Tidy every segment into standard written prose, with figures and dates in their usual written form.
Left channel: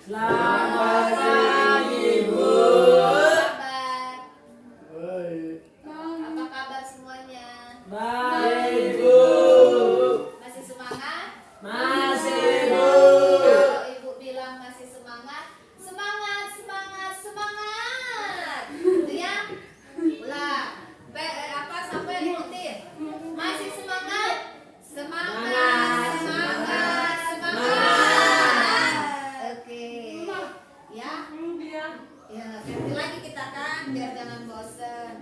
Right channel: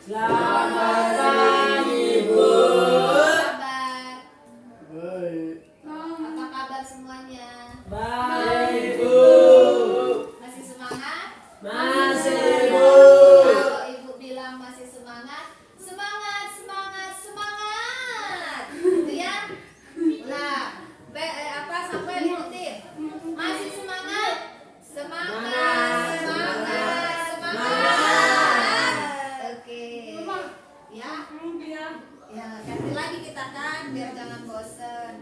Selamat pagi, Bu. Kabar? Baik. Apa kabar semuanya? Baik, Bu. Masih semangat? Masih, Bu. Kalau Ibu bilang masih semangat, semangat, semangat, semangat. Gitu ya? Ulang. Sampai ikutin. Masih semangat? Semangat, semangat, semangat. Oke. Ya? Ya, ganti lagi kita kan, biar jangan bosen.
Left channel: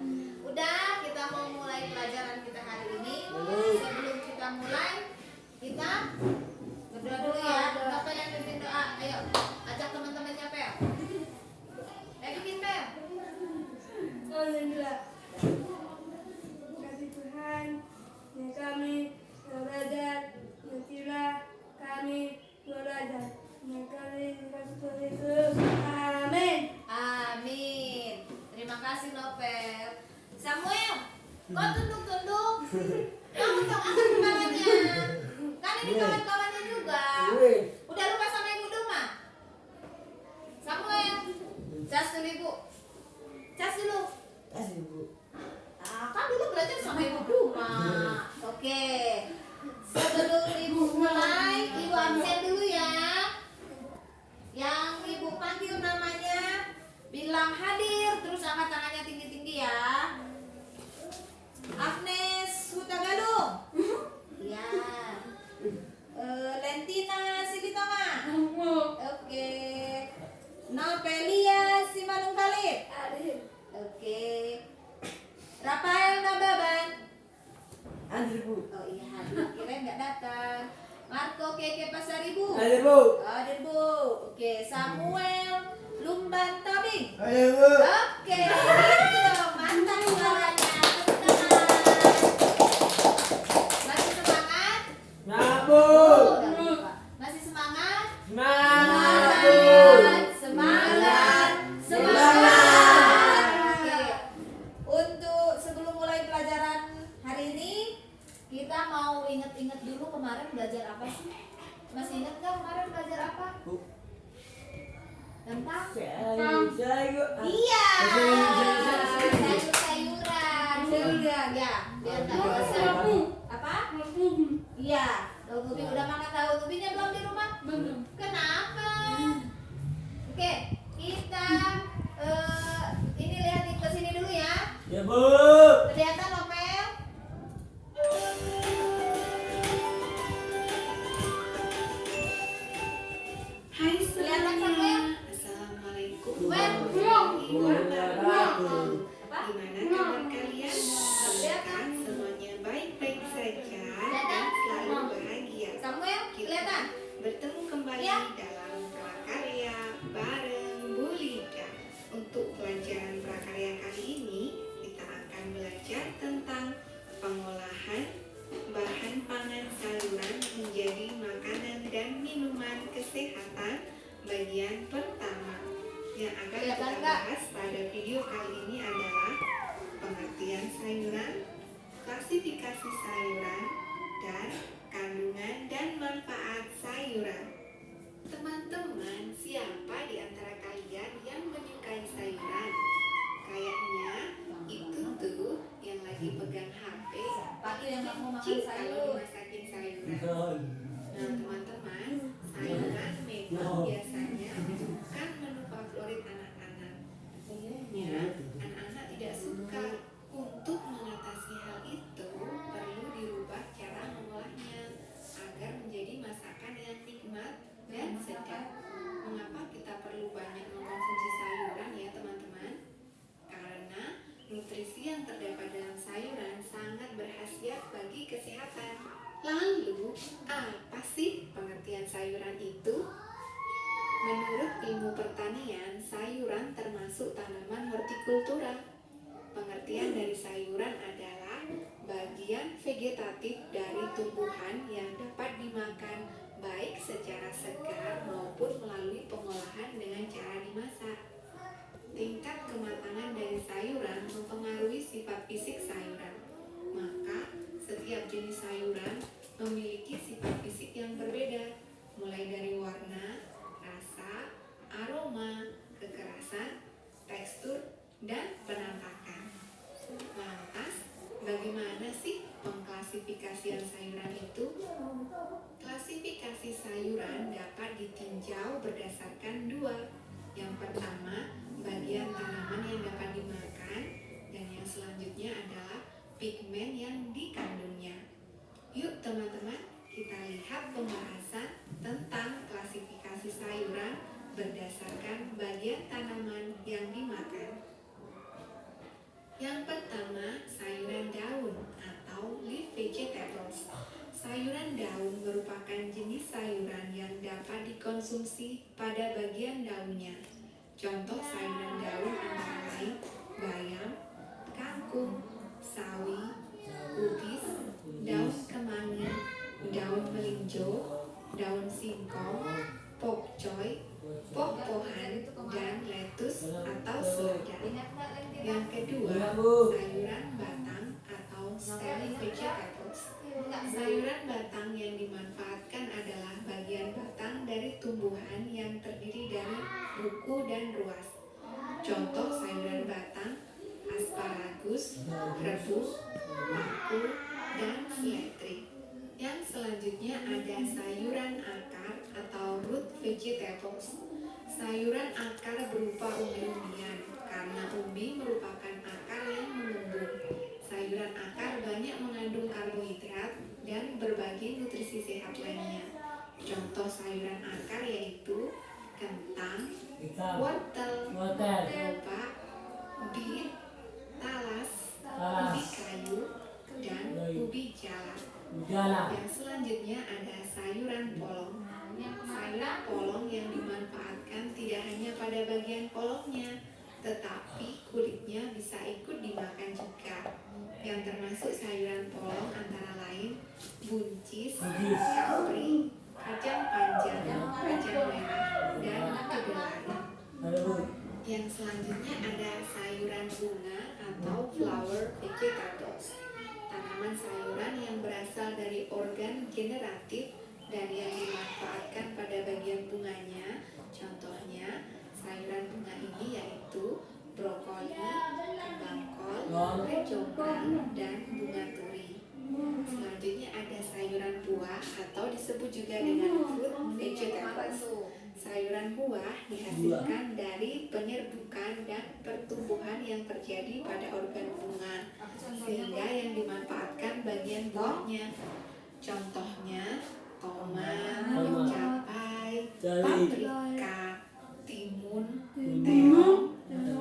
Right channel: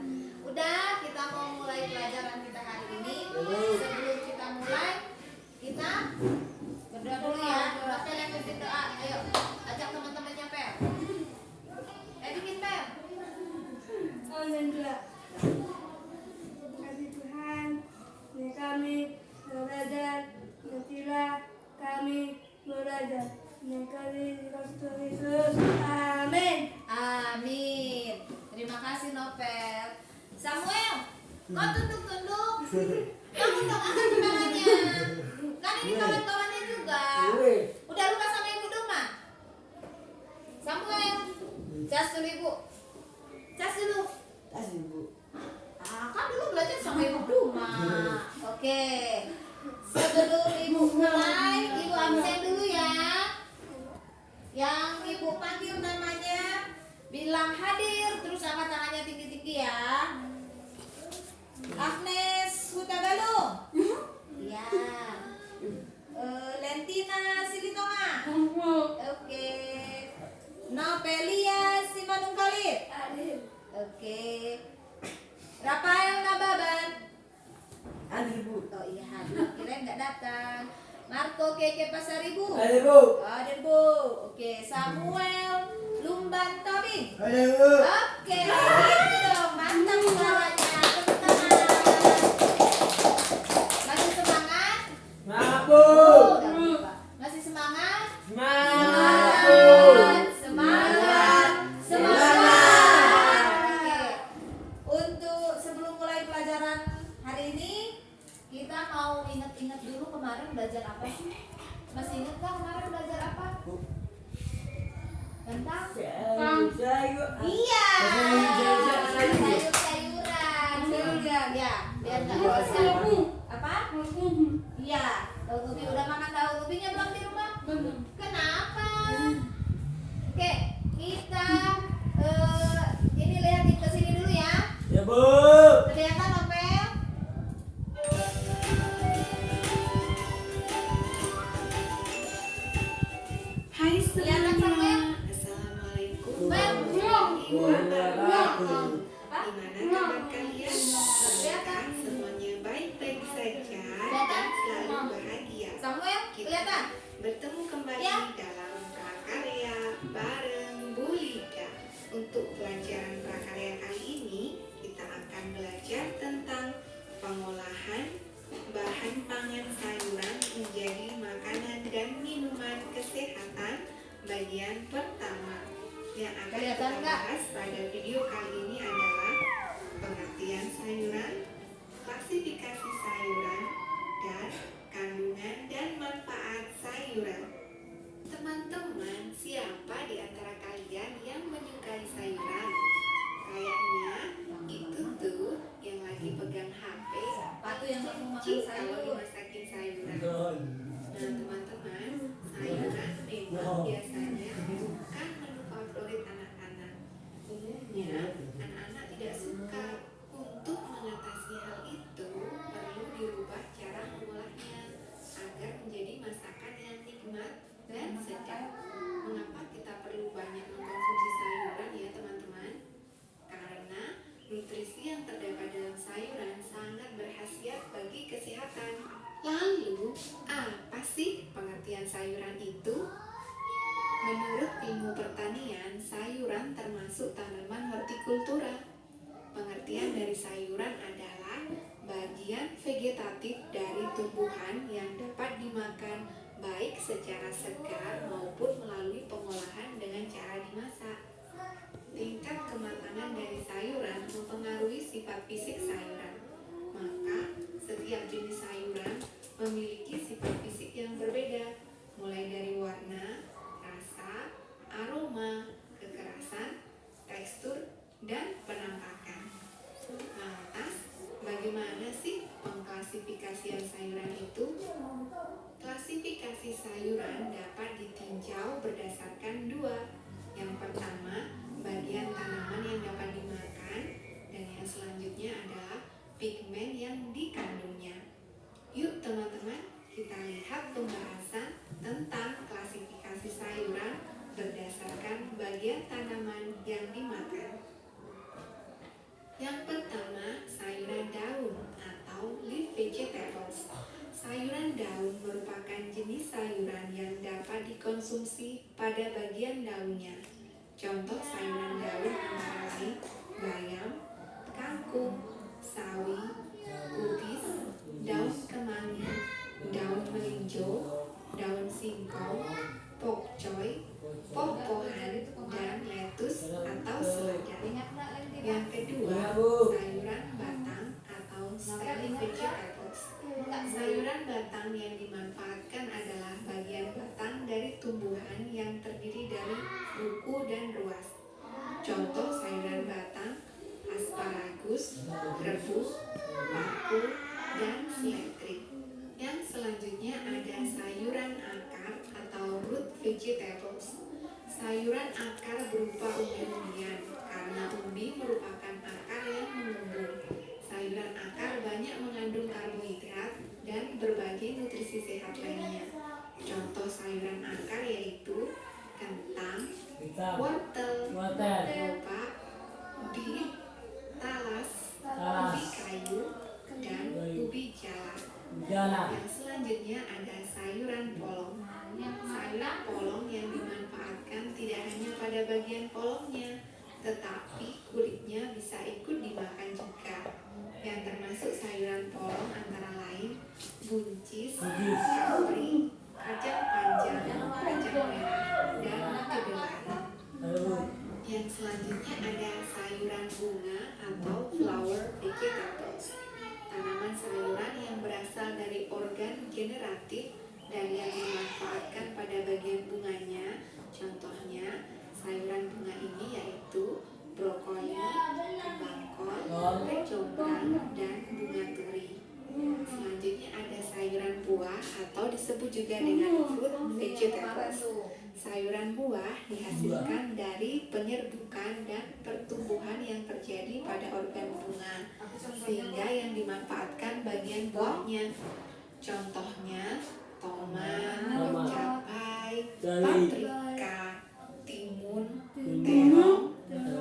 Udah, kita mau mulai pelajaran kita hari ini. Sebelum kita mulai, kita berdoa dulu ya. Novel yang bikin doa. Ayo, ajak teman-temannya Pel. Bikin Pel. Alhamdulillah. Kasih Tuhan, ini kami belajar, nantilah kami belajar. Ini kami dikasih Tuhan Yesus. Amin. Amin. Terima kasih Novel. Samuel, kok tunduk-tunduk? Kamu dong angkat tangannya. Kan ini kawan-kawannya juga. Udah lupa sama ibu Duma? Samuel, cas dulu ibu. Cas dulu. Kasih, Bu. Kan dulu belajar sama ibu Duma. Oke. Sebelum ibu mulai, ibu absen dulu ya. Yang ibu panggil namanya, bilang hadir, terus angkat tangannya tinggi-tinggi ya. Agnes Hutagalung. Iya. Lentina Silitonga. Oke. Novelia Simanungkalit. Oke. Rafael Nababan. Hadir, Bu. Oh iya, hadir. Kirain nggak datang. Marco Keke Pasaribu. Hadir, Bu. Hadir Bu. Oke, Samuel Lumban Tabing. Ayo, Bu. Oke, gitu dong. Mantap suaranya. Tepuk tangan. Masih semangat? Semangat, Bu. Udah lupa. Masih semangat? Semangat, Bu. Semangat. Semangat. Oke. Untuk sebelum mulai pelajaran hari ini, kita mau inget-inget dulu kemarin belajar apa sih? Masih inget nggak kemarin belajar apa? Tentang? Sayur. Iya. Sayur-sayuran. Sayur-sayuran. Ya, biar nggak bosan. Apa? Iya. Tahu ubi udah makan tahu ubinya belum di rumah? Belum. Kenapa? Oke, kita ini lihatin ke sini dulu ya. Ya, Bu. Kelihatan Nopel? Hai Kelihatan semuanya. Samuel? Assalamualaikum Wen. warahmatullahi wabarakatuh. Apa? Gimana kabar kalian? Semoga semuanya baik-baik saja dan selalu bahagia. Samuel, kelihatan? Bertemu kembali Ya. dalam prakarya bareng Bu Lida. Untuk pelajaran prakarya kali ini, kita akan belajar tentang pengolahan bahan pangan sayuran menjadi makanan dan minuman kesehatan bagian pertama. Yang akan Kelihatan kita nggak? bahas pada video kali ini adalah pengertian sayuran, klasifikasi sayuran, dan kandungan dan manfaat sayuran. Teman-teman, siapa di antara kalian yang menyukai sayuran? Kayaknya itu tuh yang lagi pegang HP. Patu yang nggak mau makan Cik, sayur. kalau dimasakin sayuran. Nah, teman-teman, sayuran memang biasanya bukan menu favorit anak-anak. Umumnya, anak-anak tidak suka. Untuk mengatasi hal itu, perlu dirubah cara mengolahnya agar menjadi masakan yang nikmat dan sedap. Mengapa kita perlu banyak mengkonsumsi sayuran ya teman-teman? Karena nutrisi yang terdapat dalam sayuran sangat berkhasiat bagi kesehatan. Lalu, apa sih pengertian sayuran itu? Menurut ilmu pertanian, sayuran termasuk tanaman hortikultura. Pengertian dari sayuran adalah bagian vegetatif dari tumbuhan yang dapat dimakan baik secara segar maupun melalui pengolahan dengan cara dimasak. Tingkat kematangan dari sayuran mempengaruhi sifat fisik sayuran. Maka, setiap jenis sayuran memiliki sifat fisik yang berbeda, mulai dari warna, rasa, pada bagian daunnya. Contoh sayuran daun antara lain bayam, kangkung, sawi, kubis, daun kemangi, daun melinjo, daun singkong, pokcoy, poh-pohan, dan lettuce atau selada. Ingat Mbak lagi tidak? Yang kedua, Iya, Bu. sayuran batang atau stem vegetables. Sayuran batang yang dimanfaatkan adalah bagian batang dari tumbuhan yang terdiri dari buku dan ruas. Contoh sayuran batang, asparagus, rebus, paku, dan seledri. Yang selanjutnya ada sayuran akar atau root vegetables. Sayuran akar berupa umbi-umbian karena umbi merupakan akar yang mengembung. Sayuran akar banyak mengandung karbohidrat dan berbagai nutrisi sehat lainnya. Contoh sayuran akar yaitu kentang, wortel, lobak, beet, talas, ubi kayu, dan ubi jala. Yang selanjutnya ada sayuran polong. Sayuran polong yang dimanfaatkan tidak hanya pada bagian polongnya, tetapi kulitnya bisa ikut dimakan juga. Yang termasuk sayuran polong antara lain buncis, kapri, kacang panjang, kacang merah, dan kedelai. Yang selanjutnya ada sayuran bunga atau flower vegetables. Tanaman sayuran yang berasal dari organ generatif dan yang dimanfaatkan pada bagian bunganya. Contohnya sayuran bunga ini yaitu brokoli, kembang kol, kecombrang, dan bunga turi. Selanjutnya ada sayuran buah atau disebut juga dengan fruit vegetables. Sayuran buah dihasilkan dari penyerbukan dan pertumbuhan yang terjadi pada organ bunga, sehingga yang dimanfaatkan bagian buahnya. Contohnya tomat, cabai, paprika, timun, terong,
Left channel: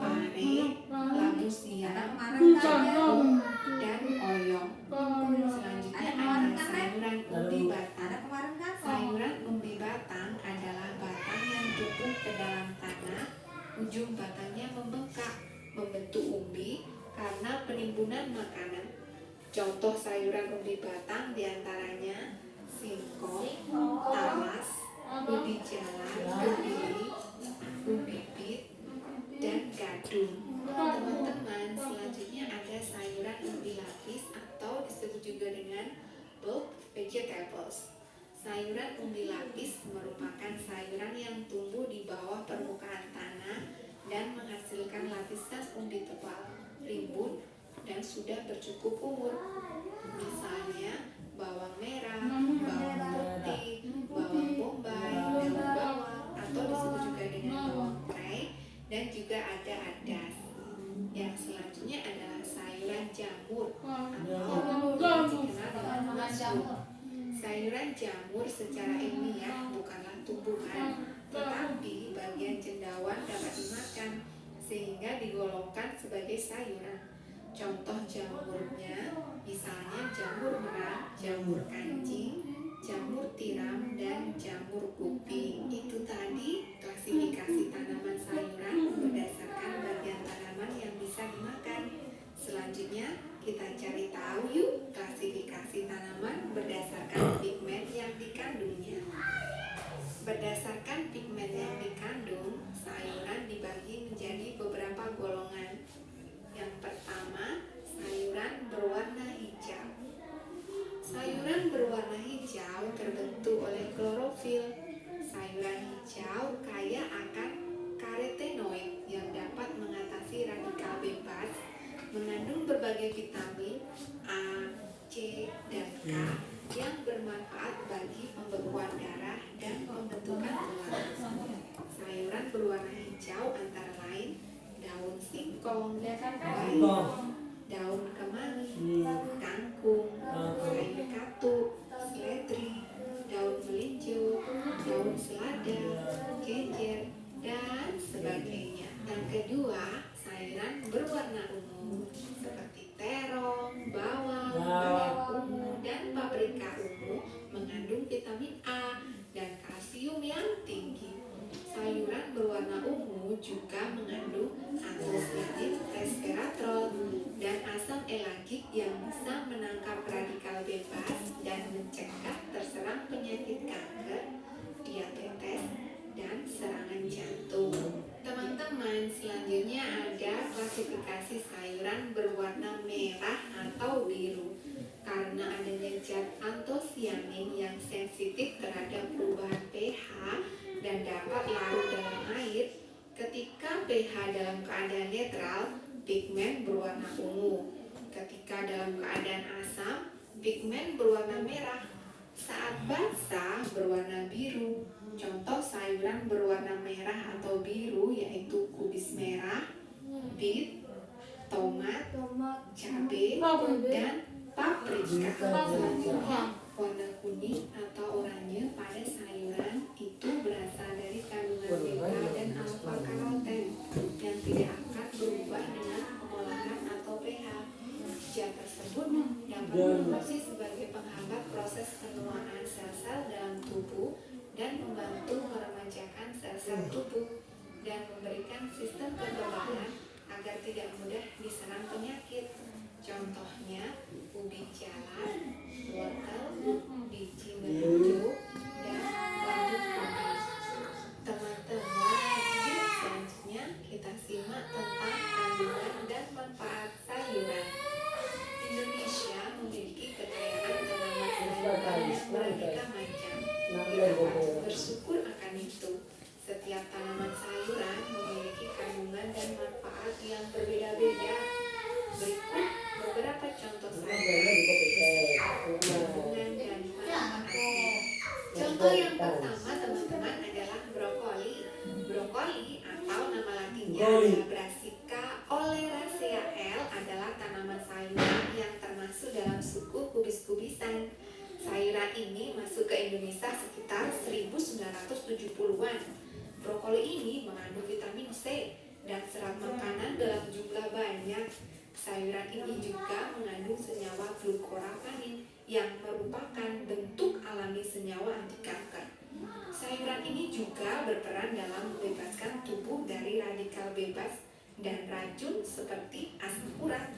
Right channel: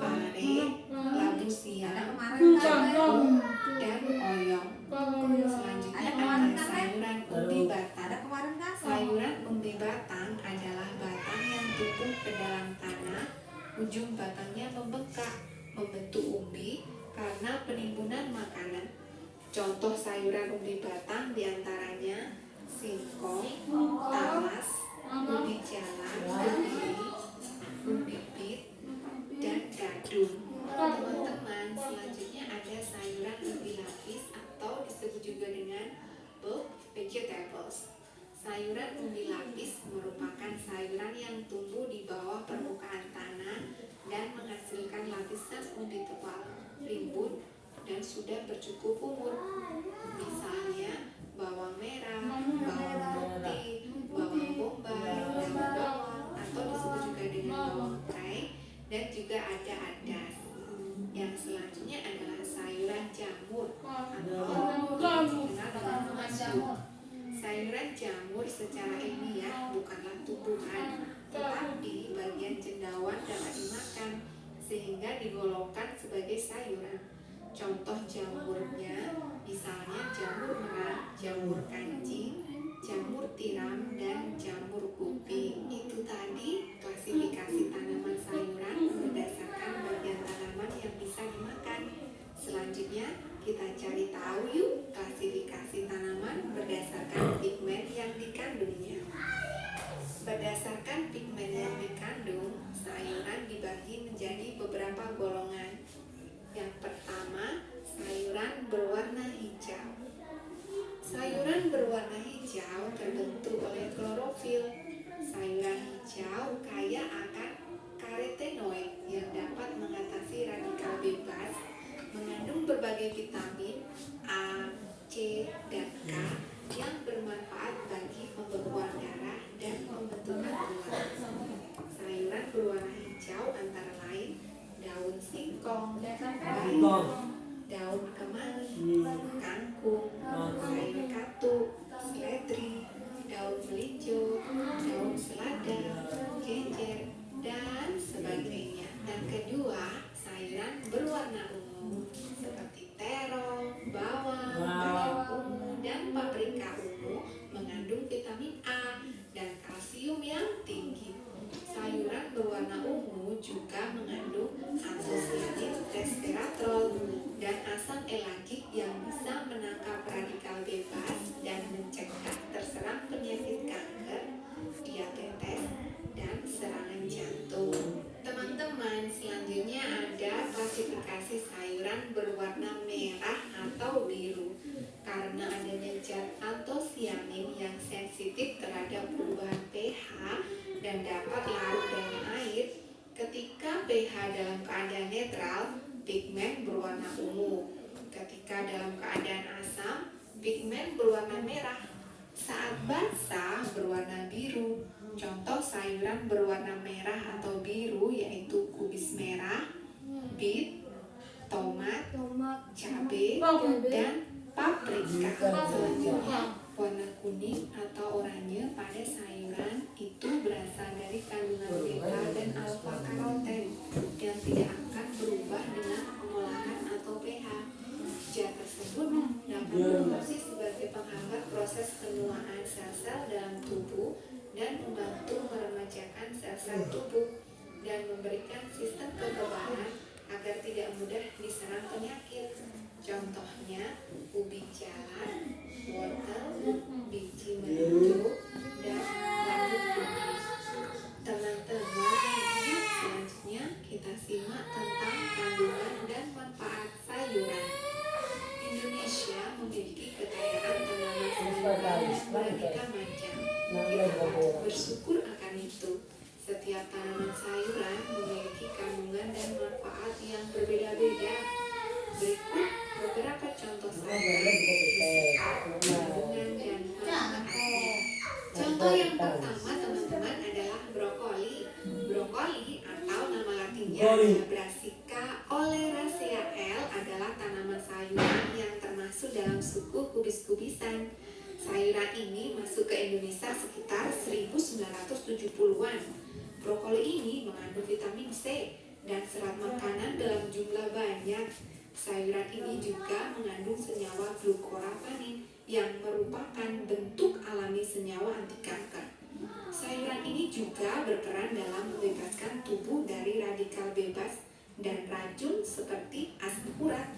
pare, labu siam, jagung, dan oyong. Selanjutnya ada sayuran umbi batang. Sayuran umbi batang adalah batang yang tumbuh ke dalam tanah. Ujung batangnya membengkak, membentuk umbi karena penimbunan makanan. Contoh sayuran umbi batang diantaranya singkong, talas, ubi jala, ubi bit, dan gadung. Teman-teman, selanjutnya ada sayuran umbi lapis atau disebut juga dengan bulb vegetables. Sayuran umbi lapis merupakan sayuran yang tumbuh di bawah permukaan tanah dan menghasilkan lapisan umbi tebal, rimbun, dan sudah bercukup umur. Misalnya bawang merah, bawang putih, bawang bombay, daun bawang atau disebut juga dengan bawang tirai, dan juga ada adas. Yang selanjutnya adalah sayuran jamur atau dikenal dengan mushroom. Sayuran jamur secara ilmiah bukanlah tumbuhan, tetapi bagian cendawan dapat dimakan sehingga digolongkan sebagai sayuran. Contoh jamurnya misalnya jamur merah, jamur kancing, jamur tiram, dan jamur kuping. Itu tadi klasifikasi tanaman sayuran berdasarkan bagian tanaman yang bisa dimakan. Selanjutnya kita cari tahu yuk klasifikasi tanaman berdasarkan pigmen yang dikandungnya. Berdasarkan pigmen yang dikandung, sayuran dibagi menjadi beberapa golongan. Yang pertama, sayuran berwarna hijau. Sayuran berwarna hijau terbentuk oleh klorofil. Sayuran hijau kaya akan karotenoid yang dapat mengatasi radikal bebas, mengandung berbagai vitamin A, C, dan K yang bermanfaat bagi pembekuan darah dan pembentukan tulang. dalam keadaan asam, pigmen berwarna merah. Saat basah berwarna biru. Contoh sayuran berwarna merah atau biru yaitu kubis merah, beet, tomat, cabai, dan paprika. Selanjutnya, warna kuning atau oranye pada sayuran itu berasal dari kandungan beta dan alfa karoten yang tidak akan berubah dengan pengolahan atau pH. Zat tersebut dapat berfungsi sebagai penghambat proses penuaan sel-sel dalam tubuh dan membantu meremajakan sel-sel tubuh dan memberikan sistem kekebalan agar tidak mudah diserang penyakit. Contohnya ubi jalan, wortel, biji madu, dan bambu putih. Teman-teman, yuk selanjutnya kita simak tentang kandungan dan manfaat sayuran. Indonesia memiliki kekayaan tanaman sayuran yang beraneka macam. Kita patut bersyukur akan itu. Setiap tanaman sayuran memiliki kandungan dan manfaat yang berbeda-beda. Berikut beberapa contoh sayuran beserta kandungan dan manfaatnya. Contoh yang pertama teman-teman adalah brokoli. Brokoli atau nama latinnya adalah Brassica oleracea adalah tanaman sayuran yang termasuk dalam suku kubis-kubisan. Sayuran ini masuk ke Indonesia sekitar 1970-an. Brokoli ini mengandung vitamin C dan serat makanan dalam jumlah banyak. Sayuran ini juga mengandung senyawa glukorapanin yang merupakan bentuk alami senyawa anti kanker. Sayuran ini juga berperan dalam membebaskan tubuh dari radikal bebas dan racun seperti asam urat.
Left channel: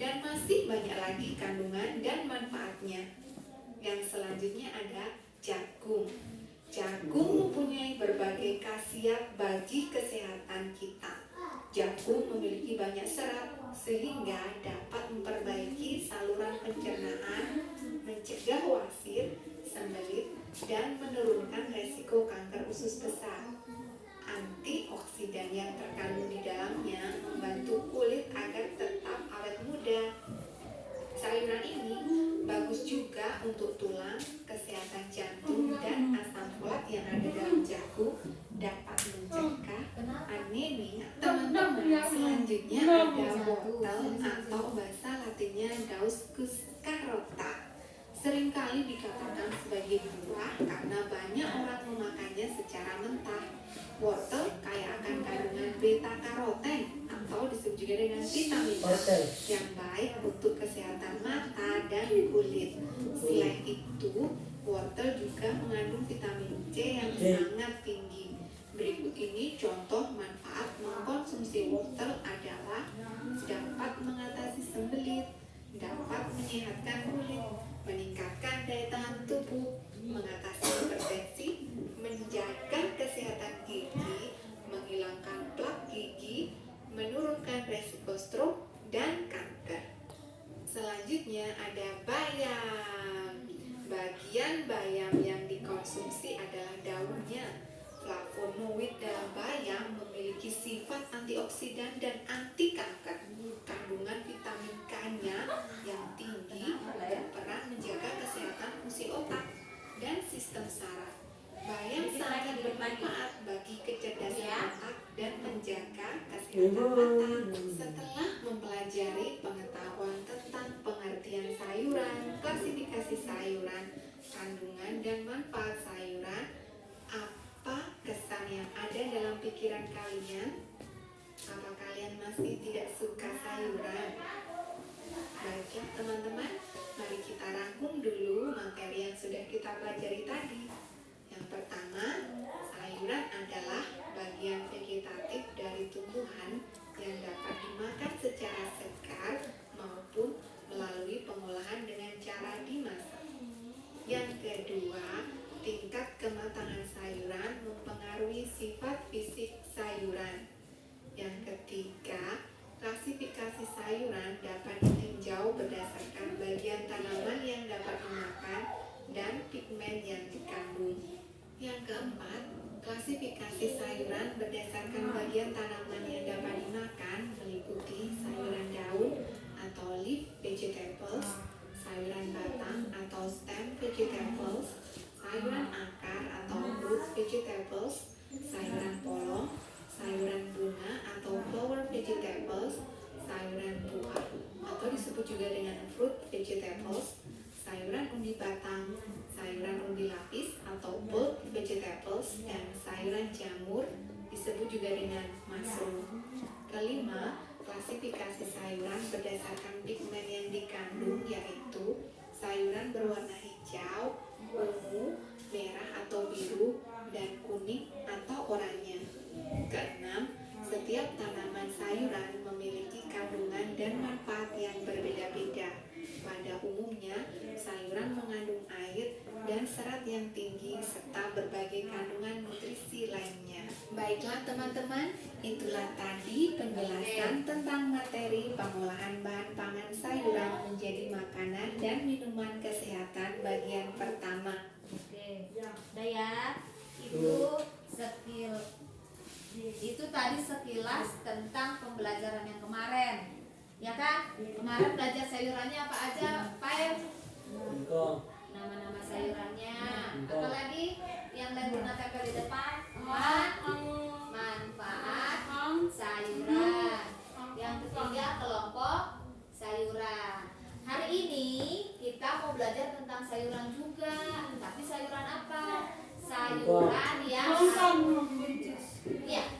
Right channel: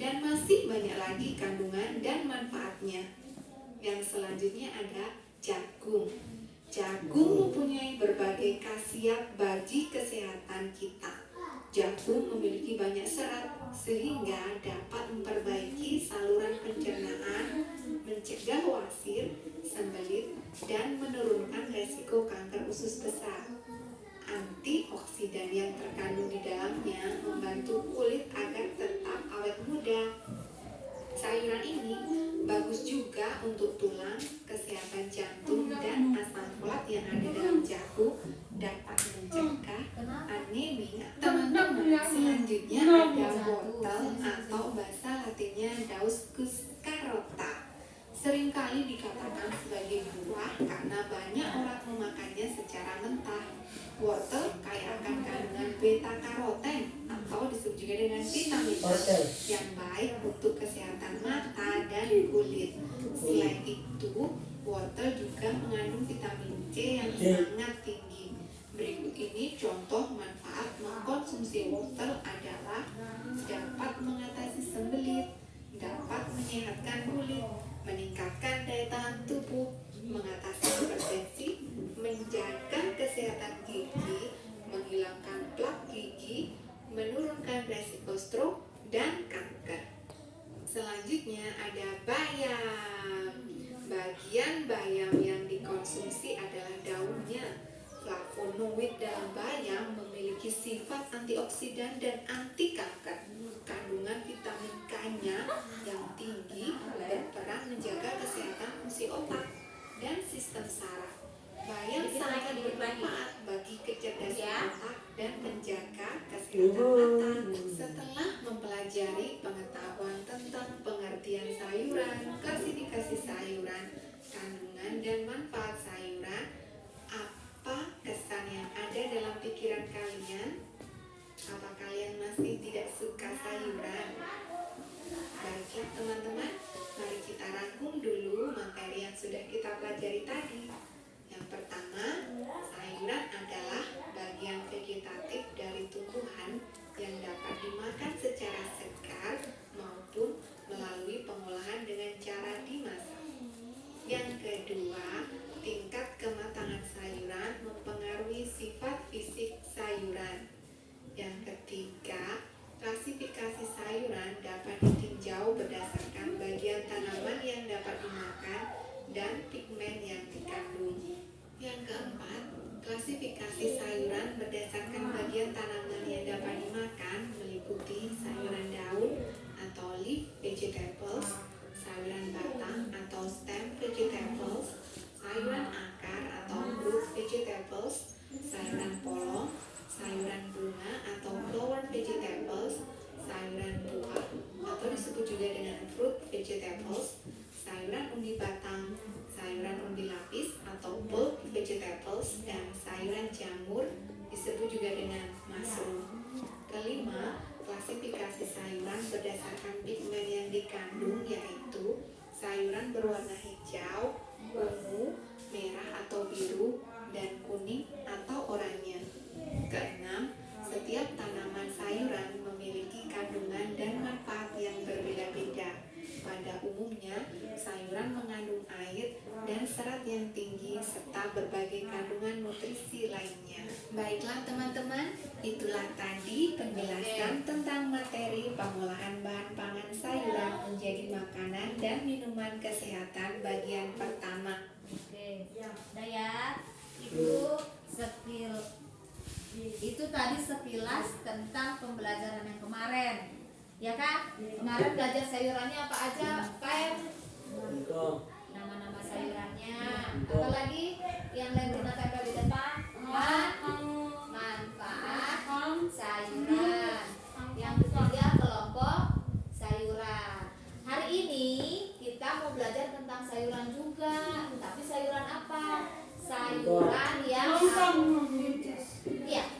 Dan masih banyak lagi kandungan dan manfaatnya. Yang selanjutnya ada jagung. Jagung mempunyai berbagai khasiat bagi kesehatan kita. Jagung memiliki banyak serat sehingga dapat memperbaiki saluran pencernaan, mencegah wasir, sembelit, dan menurunkan resiko kanker usus besar. Antioksidan yang terkandung di dalamnya membantu kulit agar tetap awet muda. Sayuran ini bagus juga untuk tulang, kesehatan jantung, dan asam folat yang ada dalam jagung dapat mencegah anemia. Teman-teman, selanjutnya ada wortel atau bahasa latinnya Dauscus carota. Seringkali dikatakan sebagai buah karena banyak orang memakannya secara mentah. Wortel kaya akan kandungan beta karoten atau disebut juga dengan vitamin A yang baik untuk kesehatan mata dan kulit. Selain itu, wortel juga mengandung vitamin C yang sangat tinggi. Berikut ini contoh manfaat mengkonsumsi wortel adalah dapat mengatasi sembelit, dapat menyehatkan kulit, meningkatkan daya tahan tubuh, mengatasi hipertensi, menjaga kesehatan gigi, menghilangkan plak gigi, menurunkan resiko stroke dan kanker. Selanjutnya ada bayam. Bagian bayam yang dikonsumsi adalah daunnya. Flavonoid dalam bayam memiliki sifat antioksidan dan anti kanker. Kandungan vitamin K-nya yang tinggi berperan menjaga kesehatan fungsi otak dan sistem saraf. Bayam sangat bermanfaat bagi kecerdasan otak dan menjaga kesehatan mata. Setelah mempelajari pengetahuan tentang pengertian sayuran, klasifikasi sayuran, kandungan dan manfaat sayuran, apa kesan yang ada dalam pikiran kalian? Apa kalian masih tidak suka sayuran? Baiklah teman-teman, mari kita rangkum dulu materi yang sudah kita pelajari tadi. Yang pertama, sayuran adalah bagian vegetatif dari tumbuhan yang dapat dimakan secara segar maupun melalui pengolahan dengan cara dimasak. Yang kedua, tingkat kematangan sayuran mempengaruhi sifat fisik sayuran. Yang ketiga, vegetables, sayuran polong, sayuran bunga atau flower vegetables, sayuran buah atau disebut juga dengan fruit vegetables, sayuran umbi batang, sayuran umbi lapis atau bulb vegetables, dan sayuran jamur disebut juga dengan mushroom. Kelima, klasifikasi sayuran berdasarkan pigmen yang dikandung yaitu sayuran berwarna hijau, ungu, merah atau biru, dan kuning atau oranye. Keenam, setiap tanaman sayuran memiliki kandungan dan manfaat yang berbeda-beda. Pada umumnya, sayuran mengandung air dan serat yang tinggi serta berbagai kandungan nutrisi lainnya. Baiklah teman-teman, itulah tadi penjelasan tentang materi pengolahan bahan pangan sayuran menjadi makanan dan minuman kesehatan bagian pertama. Oke, udah ya. Itu tadi sekilas tentang pembelajaran yang kemarin. Ya kan? Kemarin belajar sayurannya apa aja, Pak? Engkau. Nama-nama sayurannya. Apa lagi yang Lentuna tempel di depan? Manfaat sayuran. Yang ketiga kelompok sayuran. Hari ini kita mau belajar tentang sayuran juga. Tapi sayuran apa? Sayuran yang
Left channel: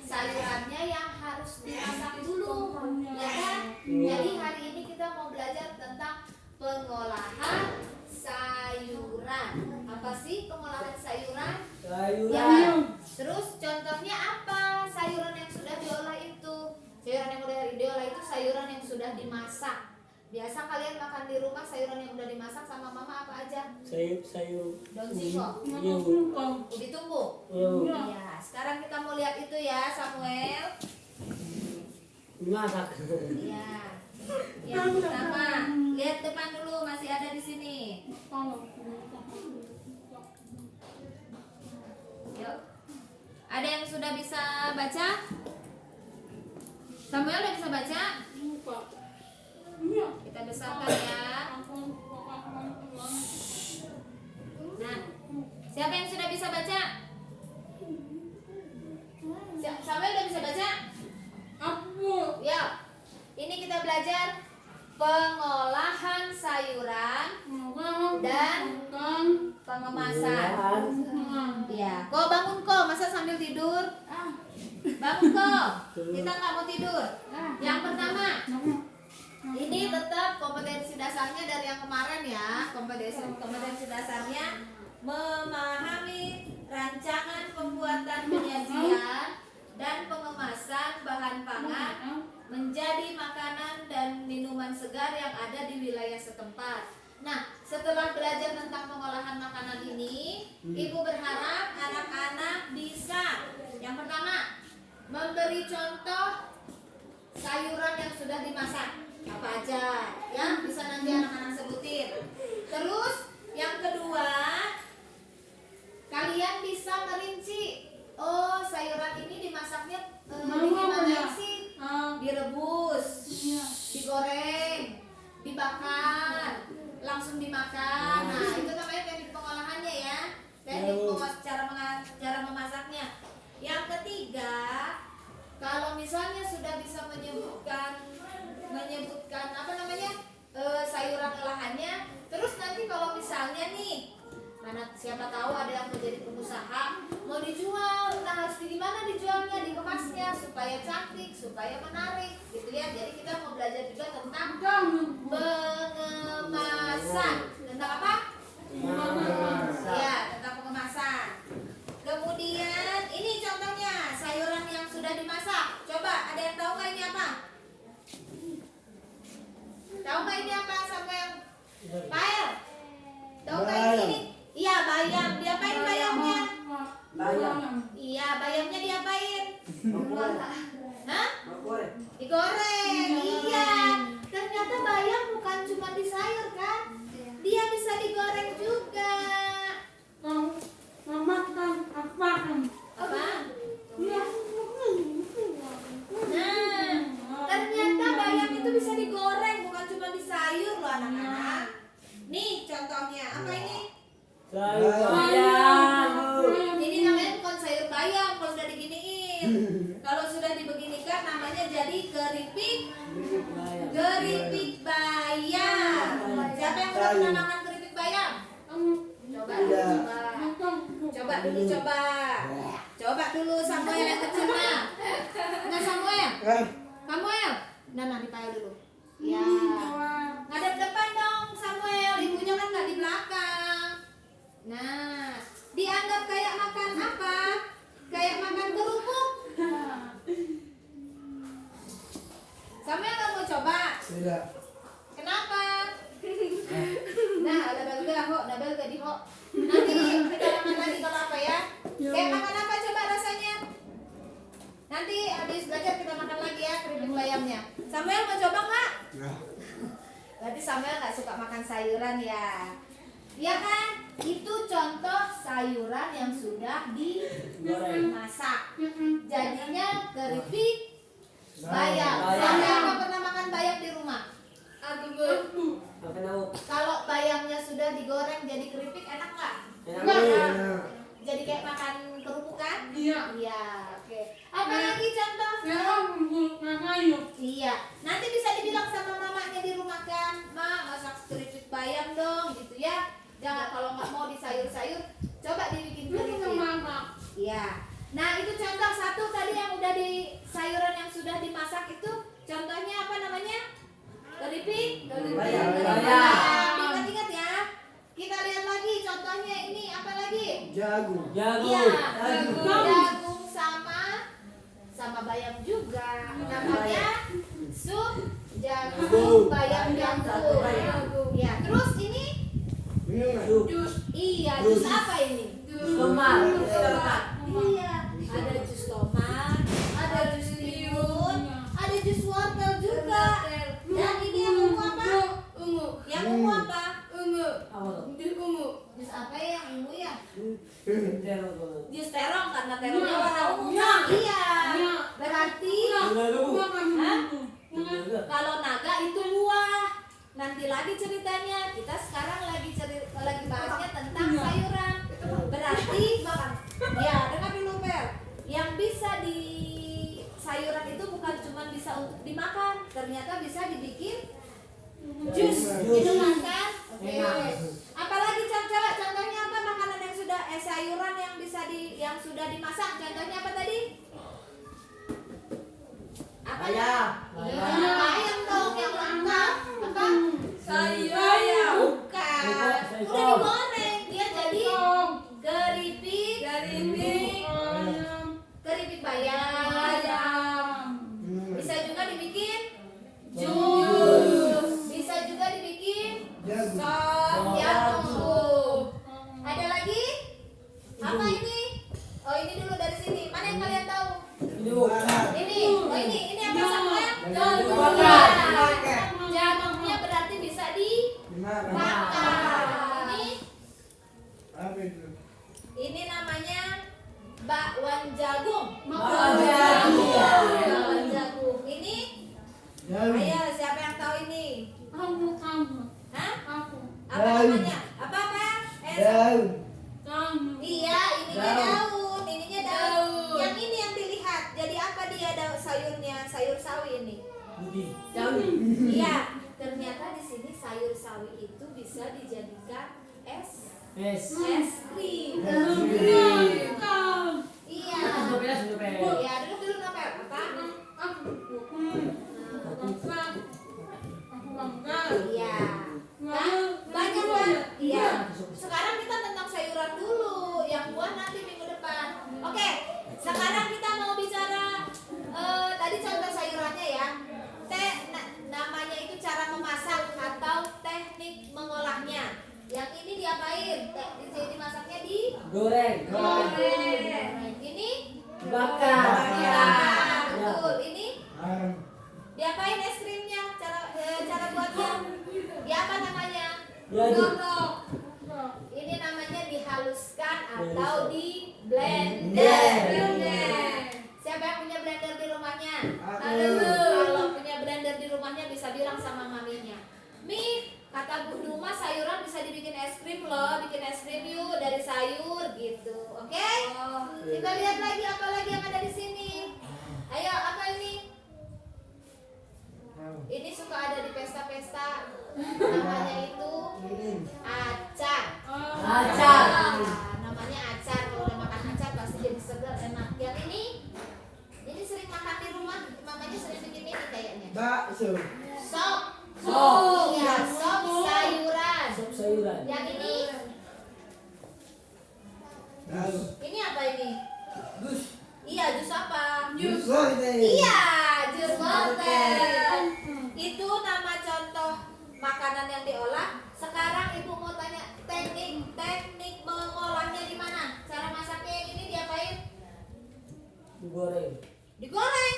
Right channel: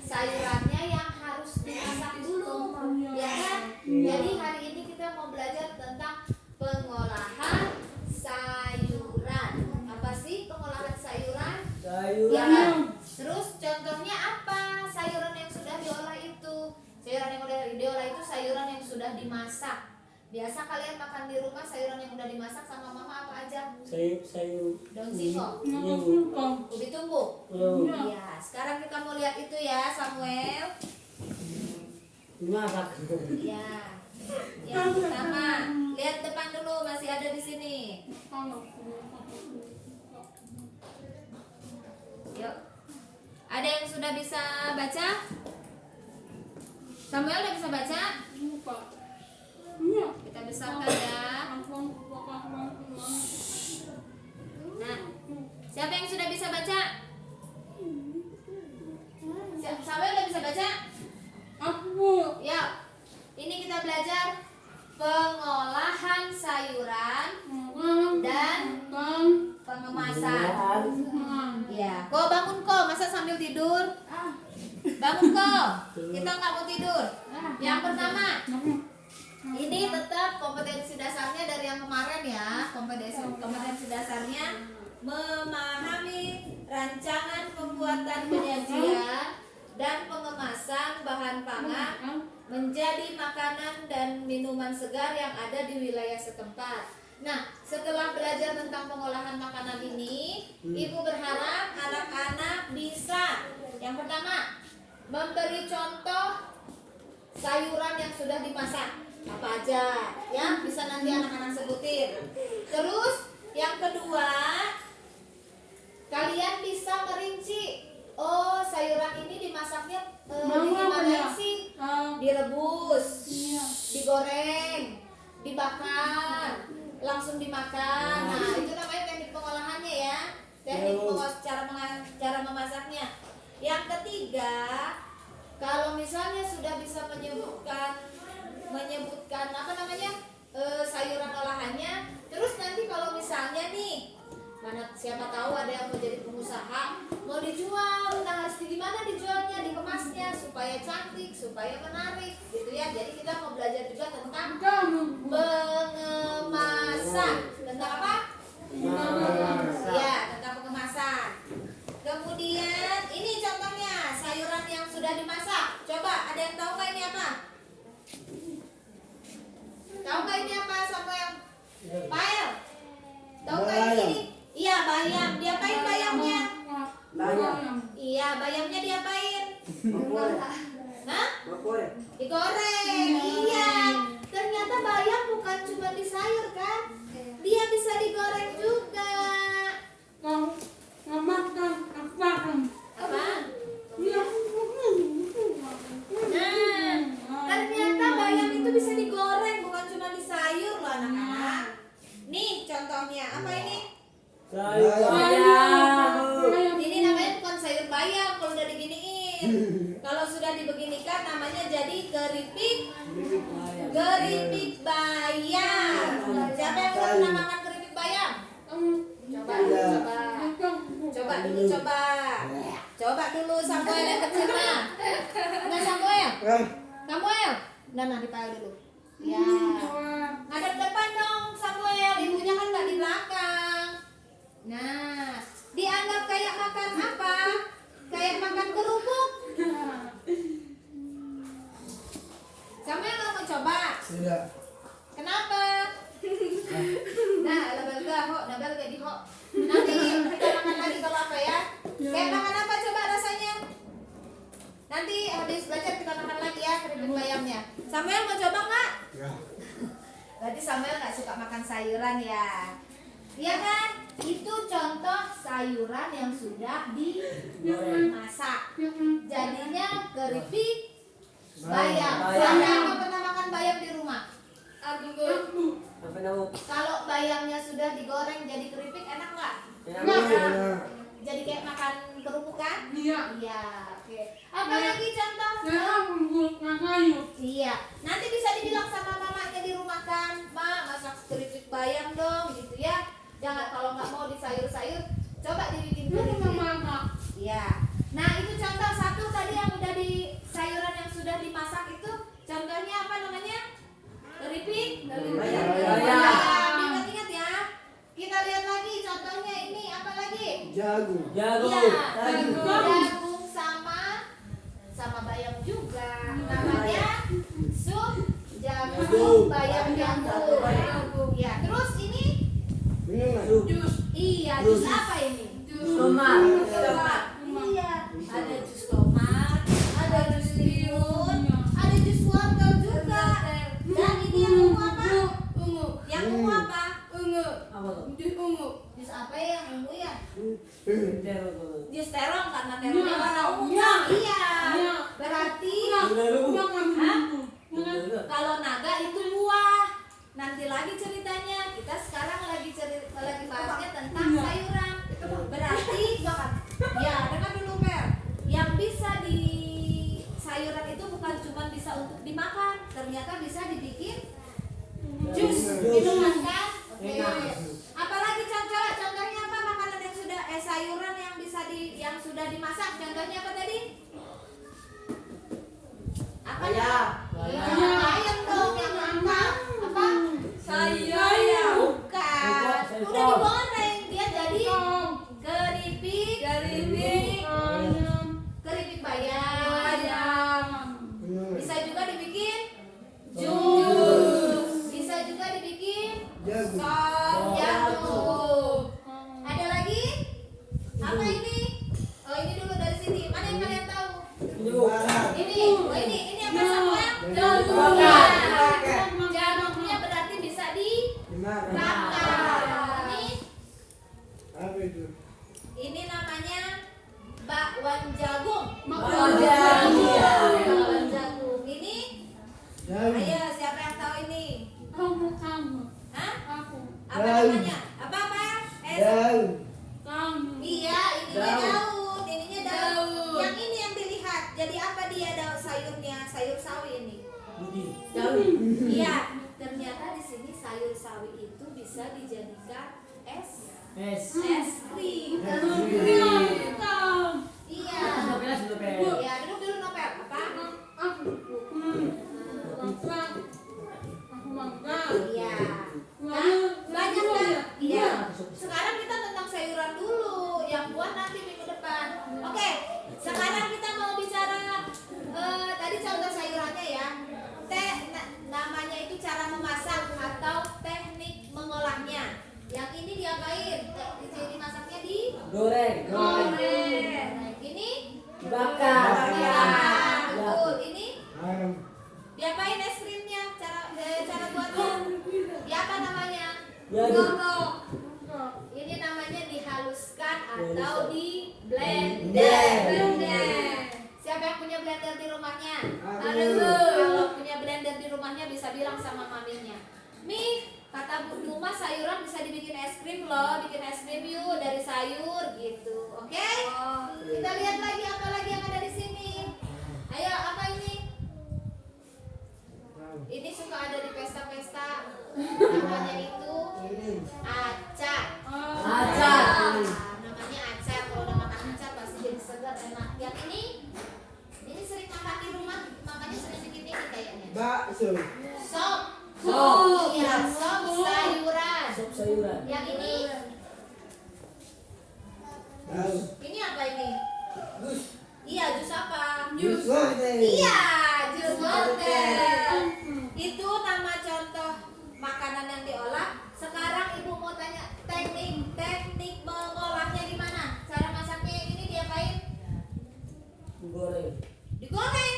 sayurannya yang harus dimasak dulu, ya kan? Jadi hari ini kita mau belajar tentang pengolahan sayuran. Apa sih pengolahan sayuran? Ya kan? Terus contohnya apa? Sayuran yang sudah diolah itu. Sayuran yang sudah diolah itu sayuran yang sudah dimasak. Biasa kalian makan di rumah sayuran yang udah dimasak sama mama apa aja? Sayur Daun singkong, ubi tumbuh. Iya, sekarang kita mau lihat itu ya, Samuel. masak. Iya. Yang pertama, lihat depan dulu, masih ada di sini. Yuk. Ada yang sudah bisa baca? Samuel udah bisa baca? Kita besarkan ya. Nah, siapa yang sudah bisa baca? Samuel udah bisa baca? Ya. Ini kita belajar pengolahan sayuran dan pengemasan. Ya. Kok bangun kok, masa sambil tidur? Bangun kok. Kita nggak mau tidur. Yang pertama, ini tetap kompetensi dasarnya dari yang kemarin ya. Kompetensi dasarnya memahami rancangan pembuatan penyajian dan pengemasan bahan pangan menjadi makanan dan minuman segar yang ada di wilayah setempat. Nah, setelah belajar tentang pengolahan makanan ini, Ibu berharap anak-anak bisa yang pertama memberi contoh sayuran yang sudah dimasak. Apa aja ya, bisa nanti anak-anak sebutin. Terus yang kedua, kalian bisa merinci, oh sayuran ini dimasaknya gimana sih? Direbus, digoreng, dibakar, langsung dimakan. Nah, itu namanya teknik pengolahannya ya, teknik cara memasaknya. Yang ketiga, kalau misalnya sudah bisa menyebutkan apa namanya sayuran olahannya, terus nanti kalau misalnya nih siapa tahu ada yang mau jadi pengusaha, mau dijual, nah gimana dijualnya, dikemasnya supaya cantik, supaya menarik gitu ya. Jadi kita mau belajar juga tentang pengemasan. Tentang apa? Ya, tentang pengemasan. Kemudian ini contohnya sayuran yang sudah dimasak. Coba ada yang tahu nggak ini apa? Tahu nggak ini apa, Samuel? Pael? Tahu nggak ini? Iya, bayam. Diapain bayamnya? Bayam. Iya, bayamnya diapain? Hah? Digoreng. Digoreng. Iya. Ternyata bayam bukan cuma di sayur kan? Dia bisa digoreng juga. Apa? Nah, ternyata bayam itu bisa digoreng, bukan cuma di sayur loh anak-anak. Nih contohnya, apa ini? Sayur bayam. Ini namanya bukan sayur bayam. beginiin. Kalau sudah dibeginikan namanya jadi keripik bayam. Siapa yang udah pernah makan keripik bayam? Coba dulu Samuel yang kecil mah. Nah Samuel, nah dipayal dulu. Ya, ngadep depan dong Samuel, ibunya kan nggak di belakang. Nah, dianggap kayak makan apa? Kayak makan kerupuk. Samuel nggak mau coba? Tidak. Kenapa? Nah, nabel gak di ho. Nanti kita makan lagi kalau apa ya? Kayak makan apa coba rasanya? Nanti habis belajar kita makan lagi ya keripik bayamnya. Samuel mau coba nggak? Ya. Berarti Samuel nggak suka makan sayuran ya? Iya kan? Itu contoh sayuran yang sudah dimasak. Jadinya keripik bayam. Siapa yang pernah makan bayam di rumah? Kalau bayamnya sudah digoreng jadi keripik enak nggak? Enak. Jadi kayak makan kerupuk kan? Iya. Iya, oke. Apa lagi contoh? Iya. Nanti bisa dibilang sama mamanya di rumah kan, Ma, masak keripik bayam dong, gitu ya. Jangan kalau nggak mau di sayur-sayur, coba dibikin keripik. Iya. Nah itu contoh satu tadi yang udah di sayuran yang sudah dimasak itu, contohnya apa namanya? Keripik bayam. Ingat-ingat ya. Kita lihat lagi contohnya ini apa lagi? Jagung. Iya, jagung sama bayam juga. Namanya sup jagung bayam jagung. Ya, terus ini iya, jus apa ini? Tomat. Iya, ada jus tomat, ada jus timun, ada jus wortel juga. Dan ini yang ungu apa? Yang ungu apa? Jus apa ya yang ungu ya? Jus terong karena terongnya warna ungu kan? Iya. Berarti kalau naga itu buah. Nanti lagi ceritanya. Kita sekarang lagi bahasnya tentang sayuran. Berarti ya dengar dulu Per. Yang bisa di sayuran itu bukan cuma bisa untuk dimakan, ternyata bisa dibikin jus, minuman kan? Oke. Apalagi contohnya apa makanan yang sudah sayuran yang bisa yang sudah dimasak? Contohnya apa tadi? Apa ya? Bayam dong yang mantap. Apa? Sayur. Bukan. Udah digoreng dia jadi keripik bayam. Bisa juga dibikin jus. Bisa juga dibikin sop jagung. Ada lagi? Apa ini? Oh ini dulu dari sini. Mana yang kalian tahu? Ini. Oh ini apa Samuel? Jagungnya berarti bisa dibakar. Ini namanya bakwan jagung. Bakwan jagung. Ini? Ayo siapa yang tahu ini? Hah? Apa namanya? Apa? Iya, ininya daun. Ininya daun. Yang ini yang dilihat. Jadi apa dia sayurnya? Sayur sawi ini. Iya. Ternyata di sini sayur sawi itu bisa dijadikan es krim. Iya. Ya, dulu Nopel. Apa? Iya. Kan? Banyak kan? Iya. Sekarang kita tentang sayuran dulu, yang buah nanti minggu depan. Oke. Sekarang kita mau bicara tadi contoh sayurannya ya. Namanya itu cara memasak atau teknik mengolahnya. Yang ini diapain? Jadi masaknya di Goreng. Ini Bakar. Betul. Ini diapain es krimnya? Cara buatnya? Ya apa namanya? Godok. Ini namanya dihaluskan atau di blender. Siapa yang punya blender di rumahnya? Kalau punya blender di rumahnya bisa bilang sama maminya, Mi, kata Bu Duma sayuran bisa dibikin es krim loh, bikin es krim yuk dari sayur gitu, oke? Kita lihat lagi apa lagi yang ada di Namanya itu Ini. acar. Acar. Namanya acar. Kalau udah makan acar pasti jadi segar, enak. Yang ini sering makan di rumah, makanya sering bikin ini kayaknya. Bakso. Sop. Sop. Iya, sop sayuran. Sop sayuran. Yang ini Tahu. ini apa ini? Gus. Iya, jus apa? Jus wortel. Iya, jus wortel. Itu nama contoh makanan yang diolah. Sekarang ibu mau tanya teknik mengolahnya di mana? Cara masaknya yang ini diapain? Goreng. Digoreng.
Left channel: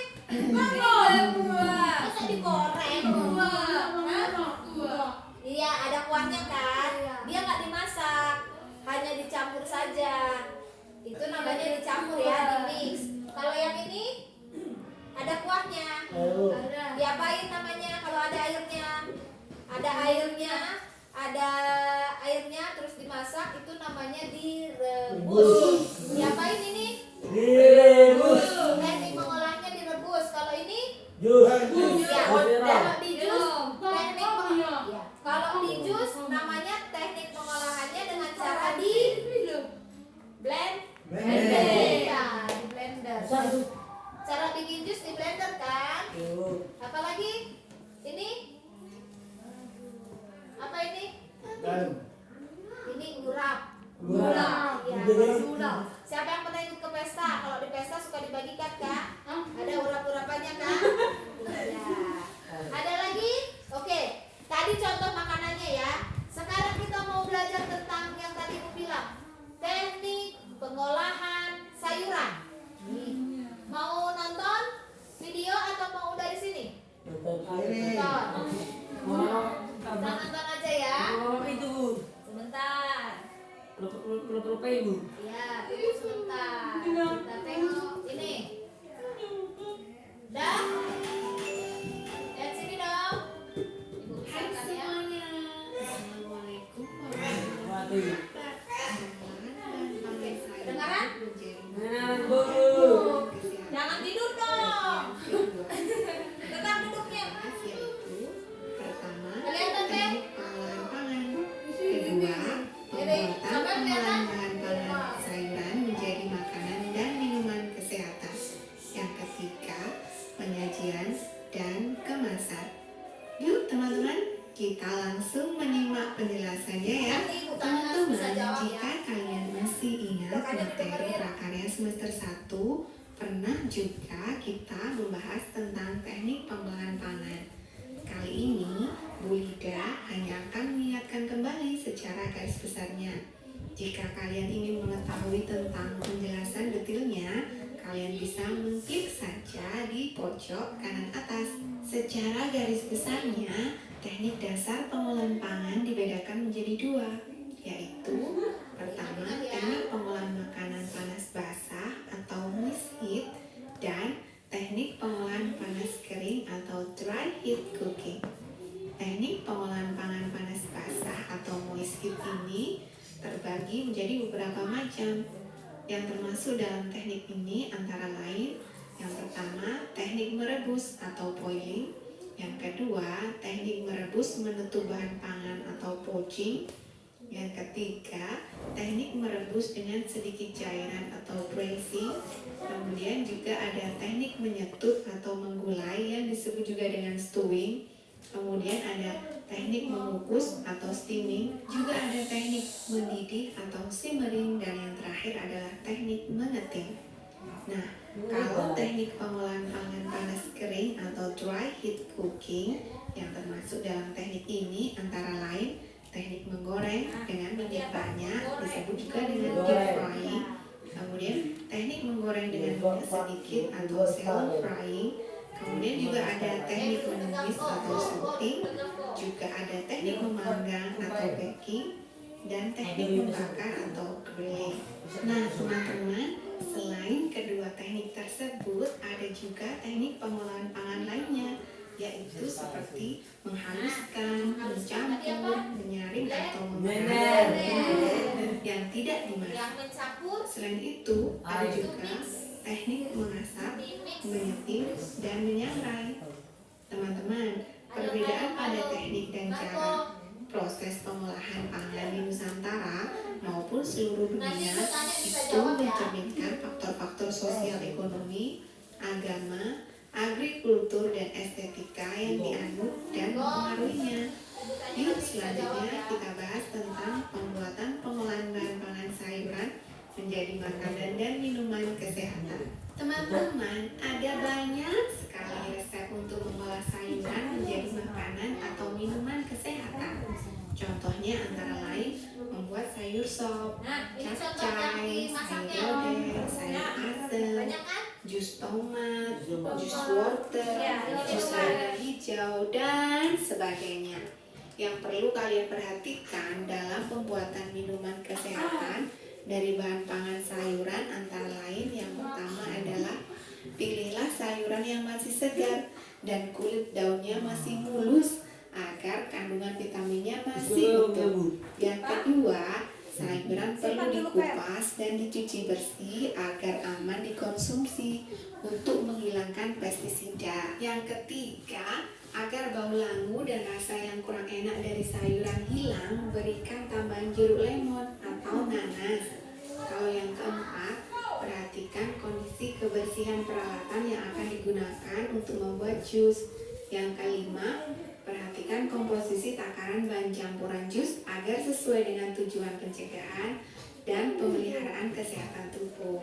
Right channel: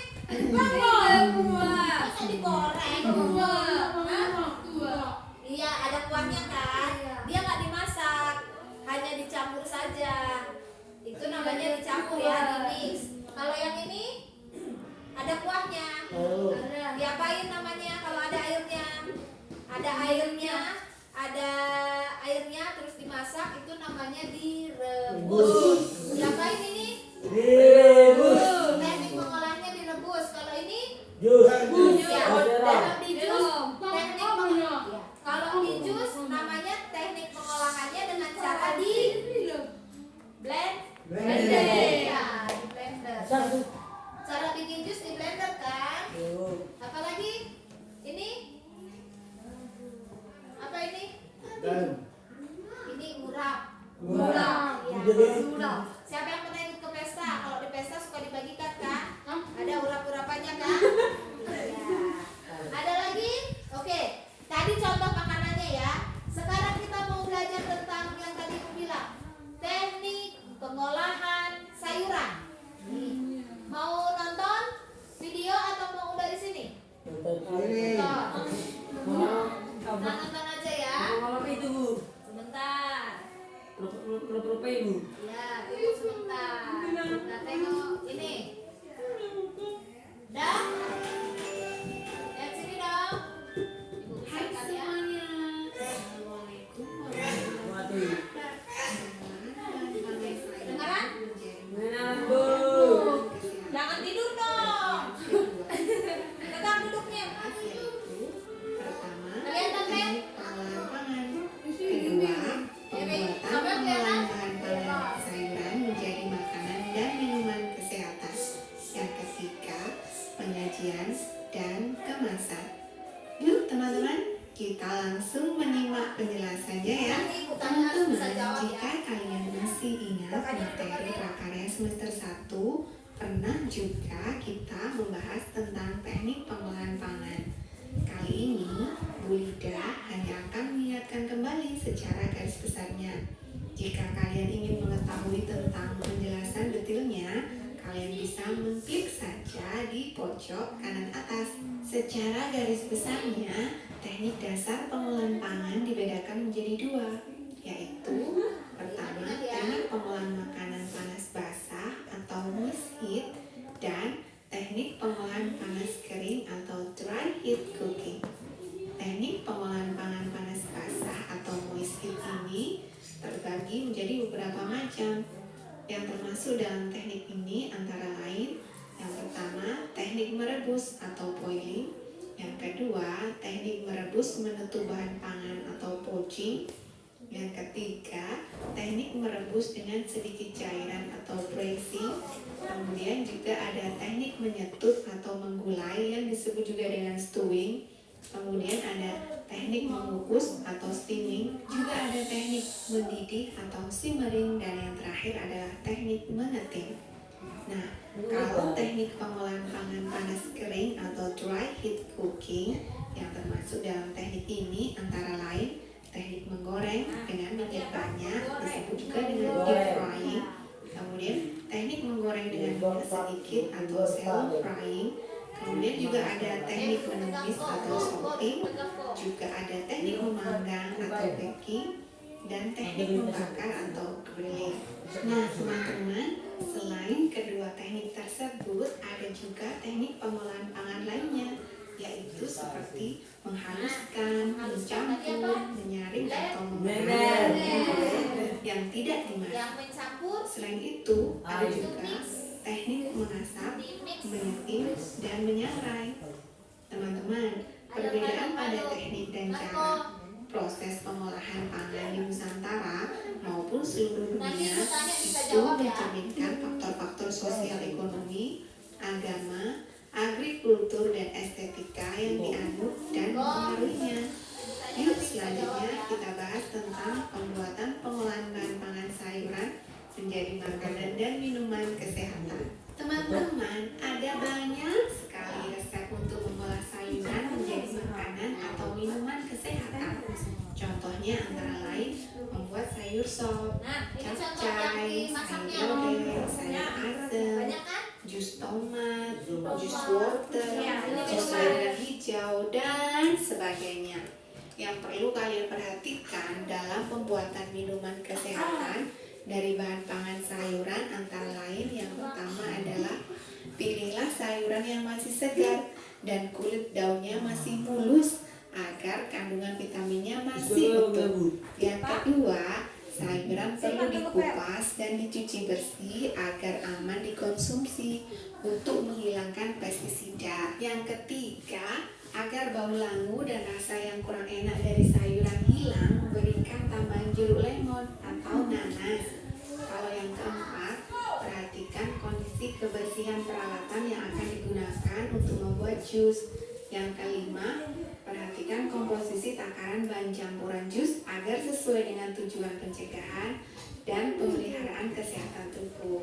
Masa digoreng? Hah? Iya, ada kuahnya kan? Dia nggak dimasak, hanya dicampur saja. Itu namanya dicampur ya, dimix. Kalau yang ini ada kuahnya. Oh. Diapain namanya kalau ada airnya? Ada airnya terus dimasak, itu namanya direbus. Diapain ini? Direbus. Teknik mengolahnya direbus. Kalau ini Jus. ya, kalau di jus kalau di jus namanya teknik pengolahannya dengan cara di blender. Ya, di blender. Satu. Cara bikin jus di blender kan? Oh. Apalagi ini? Apa ini? Dan. Ini urap. Urap. Ya, Jadi. urap. Siapa yang pernah ikut ke pesta? Kalau di pesta suka dibagikan kan? Ada urap-urapannya kan? Ya. Ada lagi? Oke. Tadi contoh makanannya ya. Sekarang kita mau belajar tentang yang tadi aku bilang. Teknik pengolahan sayuran. Mau nonton video atau mau dari sini? Ini. Nonton. Kita Apa? nonton aja ya. Itu. Sebentar. Lupa ibu. Ya, tunggu sebentar. Kita tengok ini. Dah? Lihat sini dong. Ibu Hai besarkan ya. semuanya. Assalamualaikum warahmatullahi Waduh. wabarakatuh. Kedengaran? Mengenalkan bu. Jangan tidur dong. Tetap duduknya. Yaitu pertama, Kelihatan, Beb? teknik pengolahan pangan. Kedua, pembuatan pengolahan bahan pangan sayuran menjadi makanan dan minuman kesehatan. Yang ketiga, penyajian dan kemasan. Yuk teman-teman, kita langsung menyimak penjelasannya ya. Nanti ibu tanya harus bisa Teman-teman, jawab ya. jika kalian masih ingat Makanya materi didengerin. prakarya semester 1, pernah juga kita membahas tentang teknik pengolahan pangan. Kali ini, Bu Lida hanya akan mengingatkan kembali secara garis besarnya. Jika kalian ingin mengetahui tentang penjelasan detailnya, kalian bisa mengklik saja di pojok kanan atas. Secara garis besarnya, teknik dasar pengolahan pangan dibedakan menjadi dua, yaitu pertama, teknik pengolahan makanan panas basah atau moist heat, dan teknik pengolahan panas kering atau dry heat cooking. Teknik pengolahan pangan panas basah atau moist heat ini terbagi menjadi beberapa macam. Yang termasuk dalam teknik ini antara lain, yang pertama, teknik merebus atau boiling. Yang kedua, teknik merebus menutup bahan pangan atau poaching. Yang ketiga, teknik merebus dengan sedikit cairan atau braising. Kemudian juga ada teknik menyetut atau menggulai yang disebut juga dengan stewing. Kemudian ada teknik mengukus atau steaming. Juga ada teknik mendidih atau simmering. Dan yang terakhir adalah teknik mengeting. Nah, kalau teknik pengolahan pangan panas kering atau dry heat cooking yang termasuk dalam teknik ini antara lain teknik menggoreng dengan minyak banyak disebut juga dengan deep frying. Kemudian teknik menggoreng dengan minyak sedikit atau shallow frying. Kemudian juga ada teknik menumis atau salting. Juga ada teknik memanggang atau baking dan teknik membakar atau grilling. Nah, teman-teman, selain kedua teknik tersebut, ada juga teknik pengolahan pangan lainnya, yaitu seperti menghaluskan, mencampur, menyaring atau memasak yang tidak dimasak. Yang mencampur Selain itu, ada Air. juga teknik mengasap, dimix. menyetim, dan menyangrai. Teman-teman, perbedaan pada teknik dan cara sosial ekonomi, agama, agrikultur, dan estetika yang dianut dan mempengaruhinya. Yuk selanjutnya kita bahas tentang pembuatan pengolahan bahan pangan sayuran menjadi makanan dan minuman kesehatan. Teman-teman, ada banyak sekali resep untuk mengolah sayuran menjadi makanan atau minuman kesehatan. Contohnya antara lain membuat sayur sop, Nah, ini contoh yang capcay, sayur dimasaknya. lodeh, sayur asem, Banyak kan? jus tomat, jus wortel, Ya, ini jus minuman. sayuran hijau, dan sebagainya. Yang perlu kalian perhatikan dalam pembuatan minuman kesehatan dari bahan pangan sayuran antara lain yang pertama adalah pilihlah sayuran yang masih segar dan kulit daunnya masih mulus agar kandungan vitaminnya masih utuh. Yang kedua, sayuran perlu dikupas dan dicuci bersih agar aman dikonsumsi untuk menghilangkan pestisida. Yang ketiga, agar bau langu dan rasa yang kurang enak dari sayuran hilang, berikan tambahan jeruk lemon atau nanas. Kalau yang keempat, perhatikan kondisi kebersihan peralatan yang akan digunakan untuk membuat jus. Yang kelima, perhatikan komposisi takaran bahan campuran jus agar sesuai dengan tujuan pencegahan dan pemeliharaan kesehatan tubuh.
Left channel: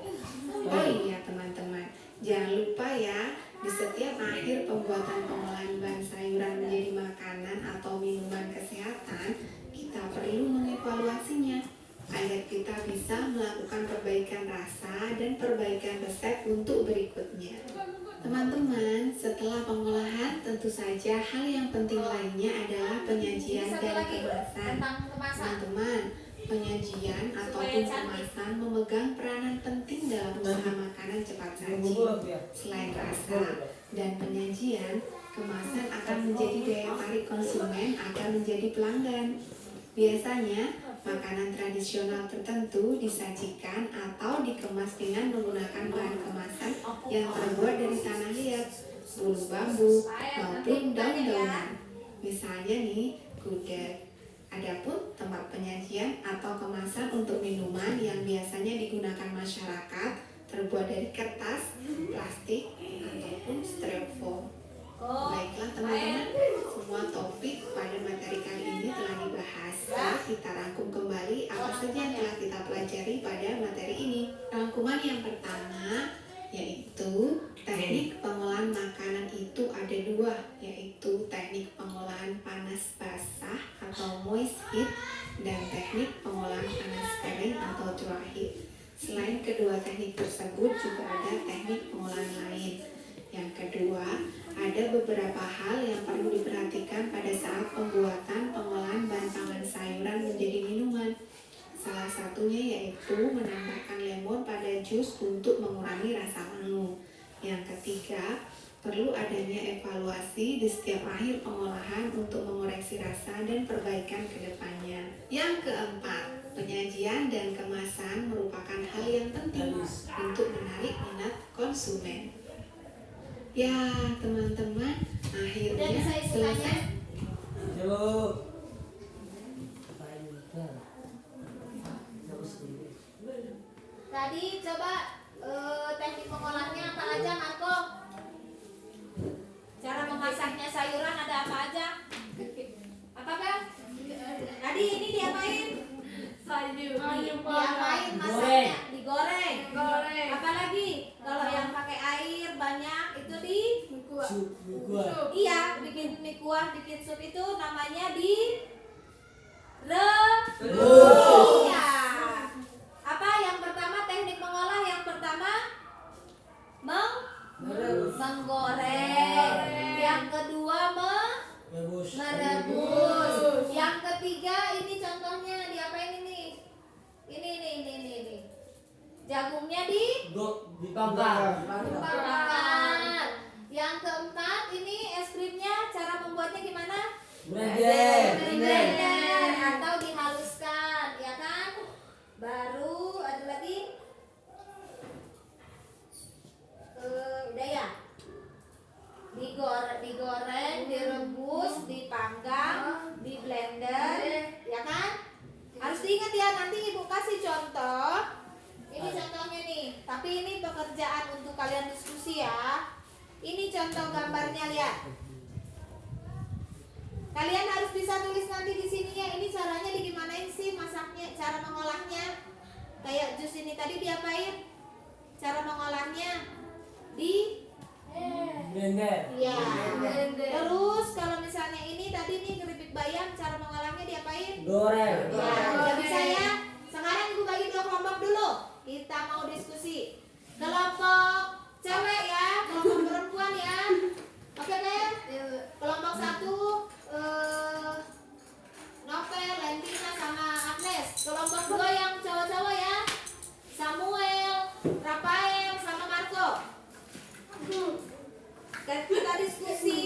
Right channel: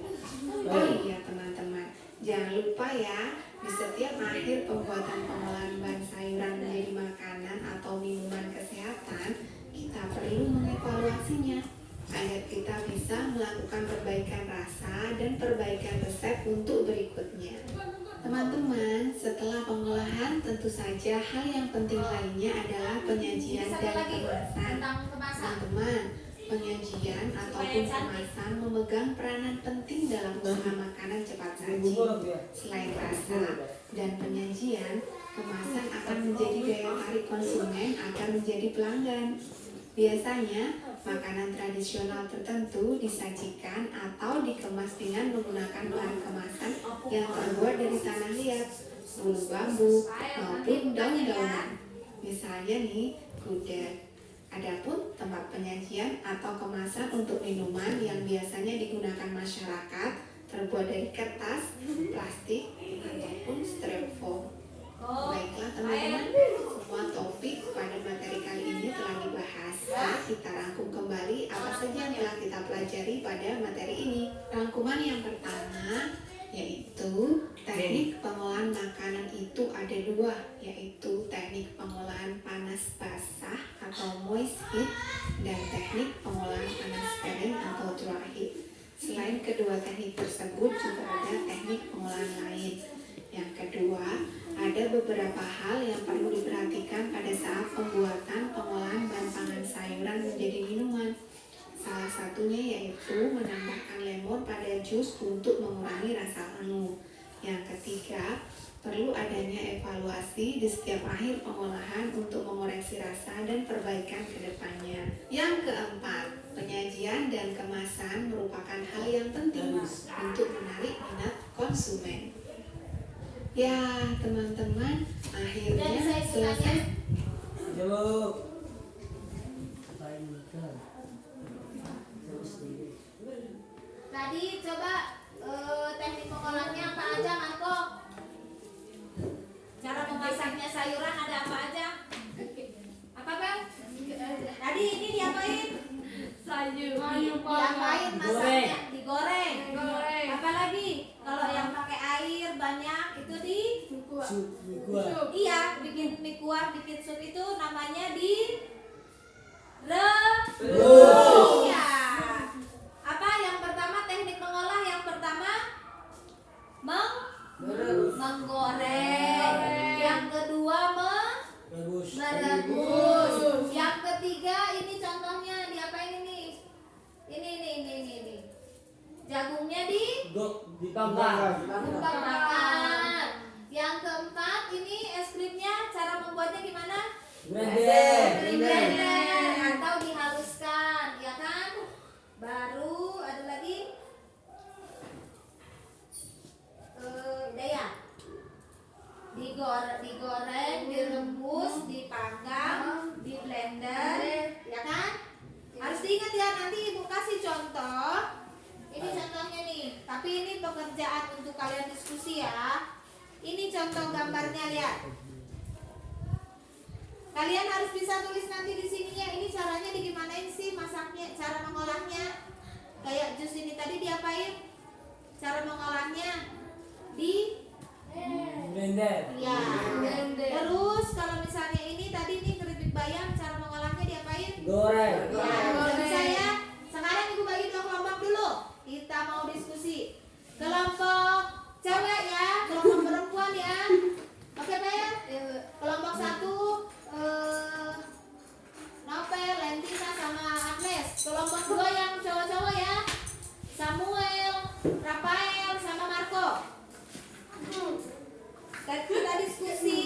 Oh iya teman-teman, jangan lupa ya, di setiap akhir pembuatan pengolahan bahan sayuran menjadi makanan atau minuman kesehatan, kita perlu mengevaluasinya agar kita bisa melakukan perbaikan rasa dan perbaikan resep untuk berikutnya. Teman-teman, setelah pengolahan tentu saja hal yang penting lainnya adalah penyajian Satu dan lagi kemasan. tentang kemasan. Teman-teman, penyajian ataupun kemasan memegang peranan penting dalam usaha makanan cepat saji. Selain rasa dan penyajian, kemasan akan menjadi daya tarik konsumen agar menjadi pelanggan. Biasanya, makanan tradisional tertentu disajikan atau dikemas dengan menggunakan bahan kemasan yang terbuat dari tanah liat, bulu bambu, maupun daun-daunan. Misalnya nih, gudeg. Adapun tempat penyajian atau kemasan untuk minuman yang biasanya digunakan masyarakat terbuat dari kertas, plastik, ataupun styrofoam. Baiklah teman-teman, semua topik pada materi kali ini telah dibahas. Kita rangkum kembali apa saja yang telah kita pelajari pada materi ini. Rangkuman yang pertama yaitu teknik pengolahan makanan itu ada dua, yaitu teknik pengolahan panas basah atau moist heat dan teknik pengolahan panas kering atau dry heat. Selain kedua teknik tersebut juga ada teknik pengolahan lain. Yang kedua, ada beberapa hal yang perlu diperhatikan pada saat pembuatan pengolahan bahan pangan sayuran menjadi minuman. Salah satunya yaitu menambahkan lemon pada jus untuk mengurangi rasa langu. Yang ketiga, perlu adanya evaluasi di setiap akhir pengolahan untuk mengoreksi rasa dan perbaikan ke depannya. Yang keempat, penyajian dan kemasan merupakan hal yang penting untuk menarik minat konsumen. Ya, teman-teman, akhirnya Udah bisa selesai. Tadi coba teknik pengolahnya apa aja, Marco? Cara memasaknya sayuran ada apa aja? Apa Bel? Tadi ini diapain? Diapain masaknya? Digoreng. Apa lagi? Kalau yang pakai air banyak itu di iya, bikin mie kuah, bikin sup itu namanya rebus. Iya. Apa yang pertama teknik mengolah yang pertama menggoreng. Yang kedua merebus. Yang ketiga ini contohnya diapain ini? Ini. Jagungnya dibakar. Yang keempat ini es krimnya cara membuatnya gimana? Blender atau dihaluskan, ya kan? Baru ada lagi? Udah ya? Digoreng, direbus, dipanggang, di blender, ya kan? Harus diingat ya, nanti ibu kasih contoh. Ini contohnya nih, tapi ini pekerjaan untuk kalian diskusi ya. Ini contoh gambarnya, lihat. Kalian harus bisa tulis nanti di sininya. Ini caranya digimanain sih masaknya, cara mengolahnya. Kayak jus ini tadi diapain? Cara mengolahnya di Blender. ya. Terus kalau misalnya ini tadi nih keripik bayam, cara mengolahnya diapain? Goreng. Ya, udah bisa ya. Sekarang ibu bagi dua kelompok dulu. Kita mau diskusi. Kelompok cewek ya, kelompok perempuan ya. Oke, Ben? Kelompok 1 Nopel, Lentina sama Agnes. Kelompok 2 yang cowok-cowok ya. Samuel, Rafael sama Marco. Kita diskusi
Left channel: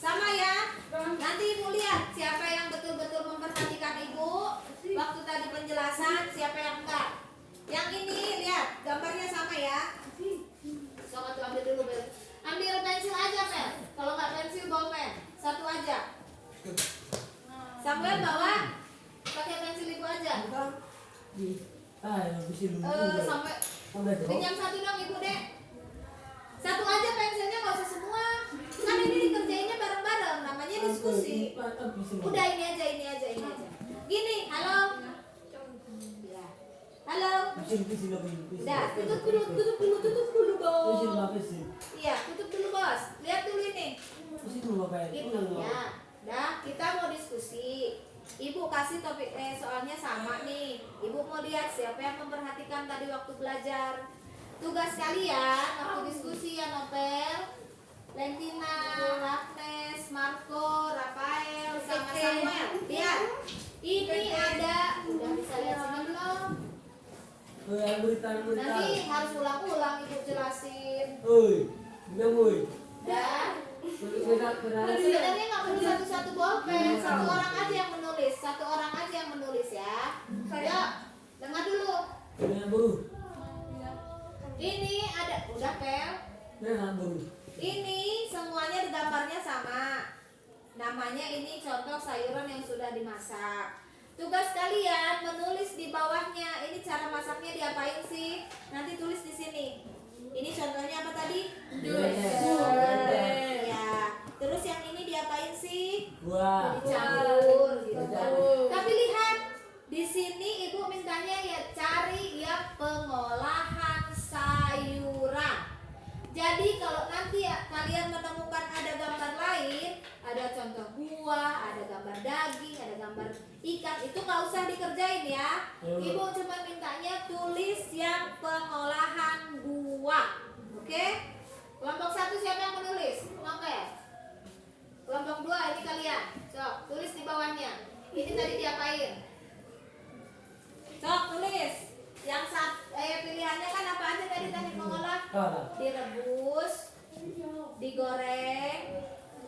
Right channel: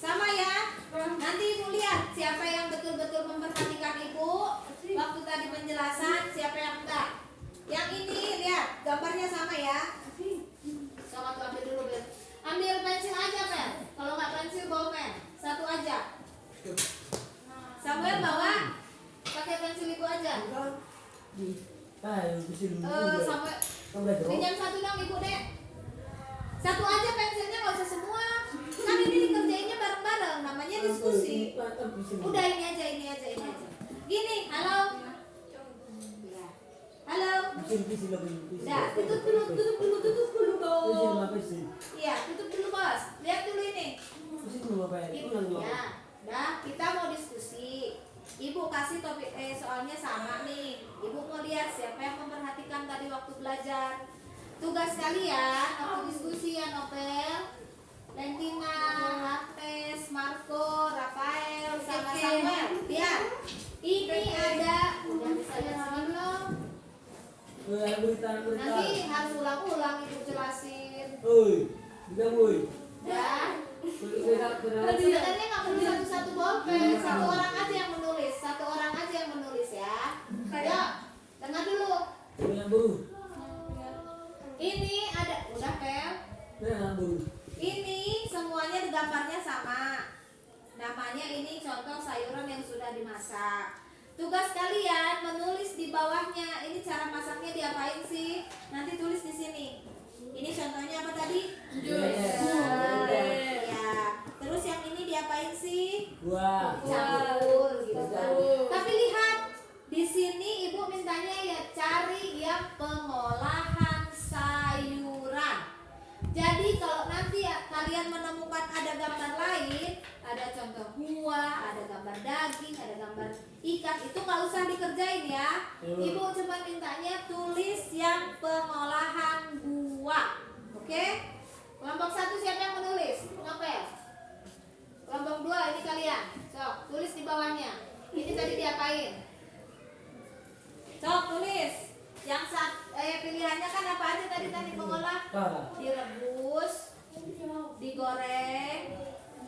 sama ya. Nanti ibu lihat siapa yang betul-betul memperhatikan ibu waktu tadi penjelasan, siapa yang enggak. Yang ini lihat gambarnya sama ya. Sok aku ambil dulu, Bel. Ambil pensil aja, Mel. Kalau nggak pensil bawa pen. Satu aja. Samuel bawa. Pakai pensil ibu aja. Samuel pinjam satu dong ibu, Dek. Satu aja pensilnya, nggak usah semua. Kan ini kerjainnya bareng-bareng, namanya diskusi. Udah ini aja. Gini, halo. Ya. Halo. Udah, tutup dulu dong. Iya, tutup dulu bos. Lihat dulu ini. Ya, dah kita mau diskusi. Ibu kasih topik soalnya sama nih. Ibu mau lihat siapa yang memperhatikan tadi waktu belajar. Tugas kalian waktu diskusi ya, Nopel, Lentina, Agnes, Marco, Rafael, sama Samuel. Lihat, ini ada. Udah bisa lihat sini belum? Nanti harus ulang-ulang ibu jelasin. Dan sebenarnya nggak perlu satu-satu bolpen, satu orang aja yang menulis, ya. Yuk, dengar dulu. Ini ada, udah Pel. Ini semuanya gambarnya sama. Namanya ini contoh sayuran yang sudah dimasak. Tugas kalian menulis di bawahnya. Ini cara masaknya diapain sih? Nanti tulis di sini. Ini contohnya apa tadi? Ya. Terus yang ini diapain sih? Dicampur gitu. Tapi lihat di sini ibu mintanya ya cari yang pengolahan sayuran. Jadi kalau nanti ya, kalian menemukan ada gambar lain, ada contoh buah, ada gambar daging, ada gambar ikan, itu nggak usah dikerjain ya. Ibu cuma mintanya tulis yang pengolahan buah. Oke? Kelompok 1 siapa yang menulis? Oke. Kelompok 2 ini kalian. Sok, tulis di bawahnya. Ini tadi diapain? Sok, tulis. Yang pilihannya kan apa aja tadi mengolah? Direbus, digoreng,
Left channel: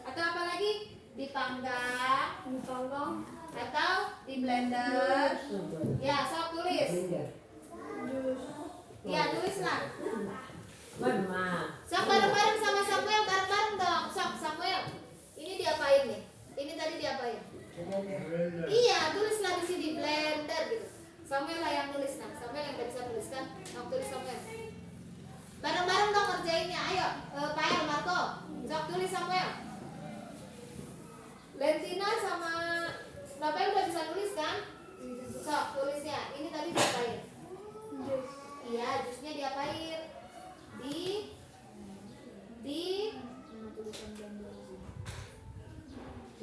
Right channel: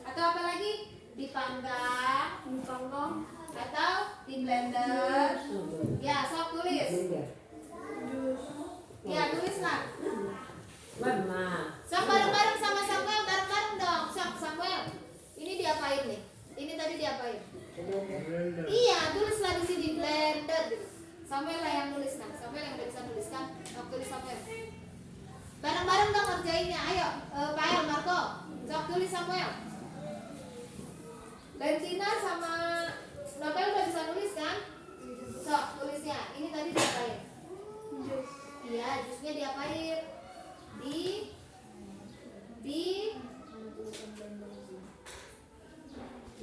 atau apa lagi? Dipanggang, atau di blender. Ya, sok tulis. Ya, tulislah. Sok bareng-bareng sama Samuel, bareng-bareng dong. Sok Samuel. Ini diapain nih? Ini tadi diapain? Iya, tulislah di sini blender gitu. Samuel lah yang nulis kan. Samuel yang udah bisa nulis kan. Sok tulis Samuel. Bareng-bareng dong ngerjainnya. Ayo, Pael, Marco. Sok tulis Samuel. Lentina sama Nopel udah bisa nulis kan? Sok tulisnya. Ini tadi diapain? Iya, jusnya diapain?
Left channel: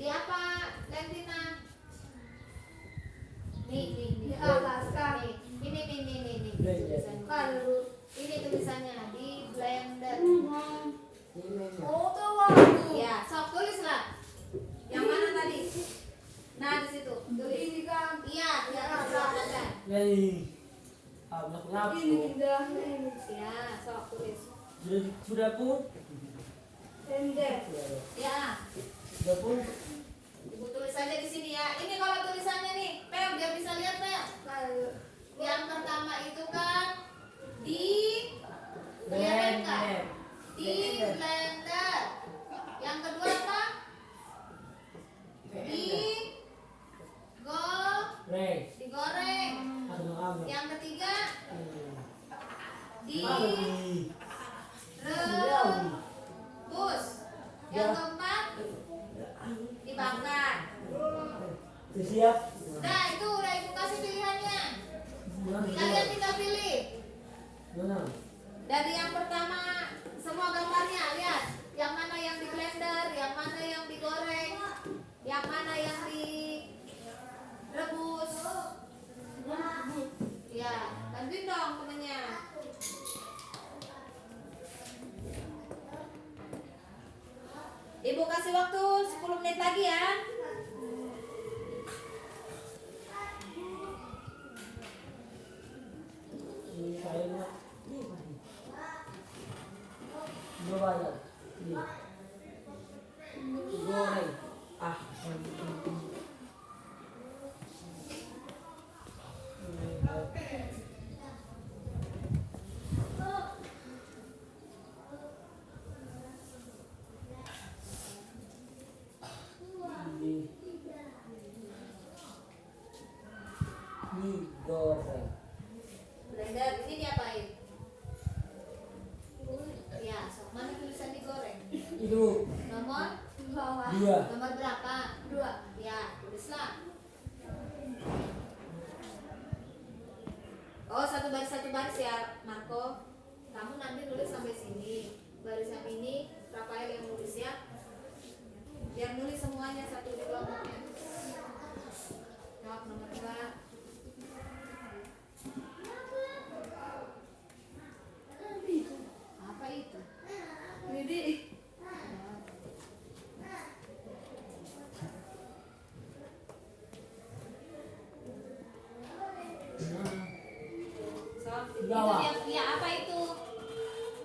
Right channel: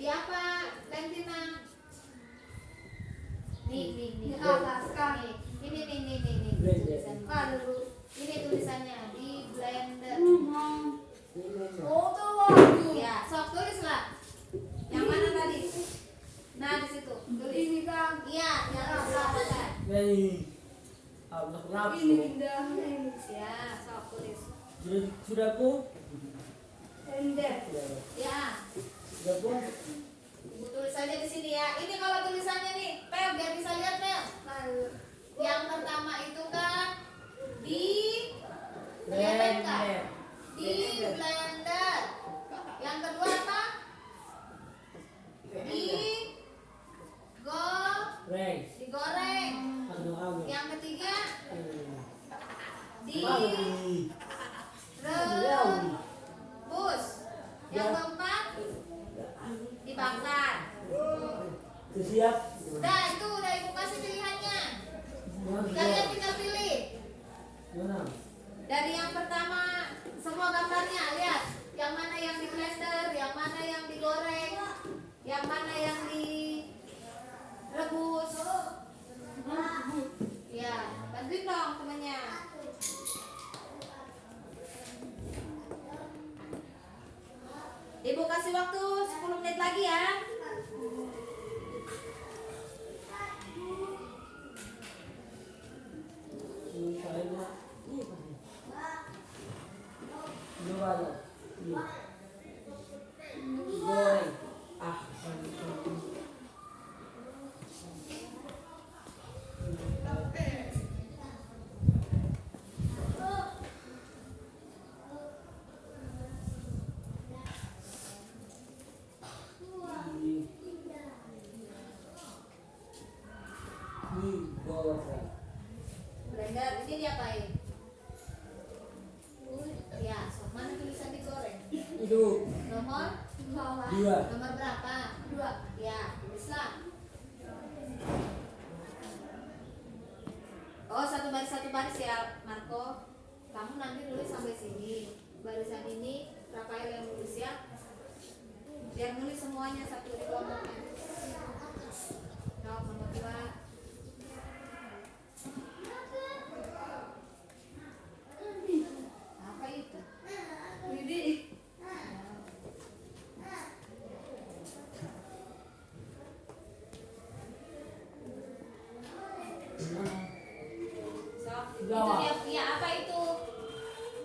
Di apa, Lentina? Nih. Dialaskan. Ini tulisannya. Ini tulisannya di blender. Ya, sok tulislah. Yang mana tadi? Nah, di situ. Tulis. Ini kan. Iya, di atas ada kan? Ini pindahnya ini. Ya, sok tulis. Sudah Bu? Pendek. Ya, Sudah Bu? ibu tulis aja di sini ya. Ini kalau tulisannya nih, Pel, biar bisa lihat Pel. Yang pertama itu kan di kelihatan nggak? Di blender. Yang kedua apa? Digoreng. Yang ketiga Direbus. Yang keempat dibakar. Siap. Udah itu udah ibu kasih pilihannya. Kalian tinggal pilih. Dari yang pertama semua gambarnya lihat. Yang mana yang di blender, yang mana yang digoreng, yang mana yang direbus. Ya, bantuin dong temennya. Ibu kasih waktu 10 menit lagi ya. Goreng. Ah. Goreng. Blender ini diapain? Ya, mana tulisan digoreng? Itu Nomor Bawah. 2. nomor berapa? 2. Ya, tulislah. Oh, satu baris ya, Marco. Kamu nanti nulis sampai sini. Barisan ini Rafael yang nulis ya. Biar nulis semuanya satu di kelompoknya. Jawab nomor 2. Apa itu? Ini. Sob, itu Jawa. dia apa itu?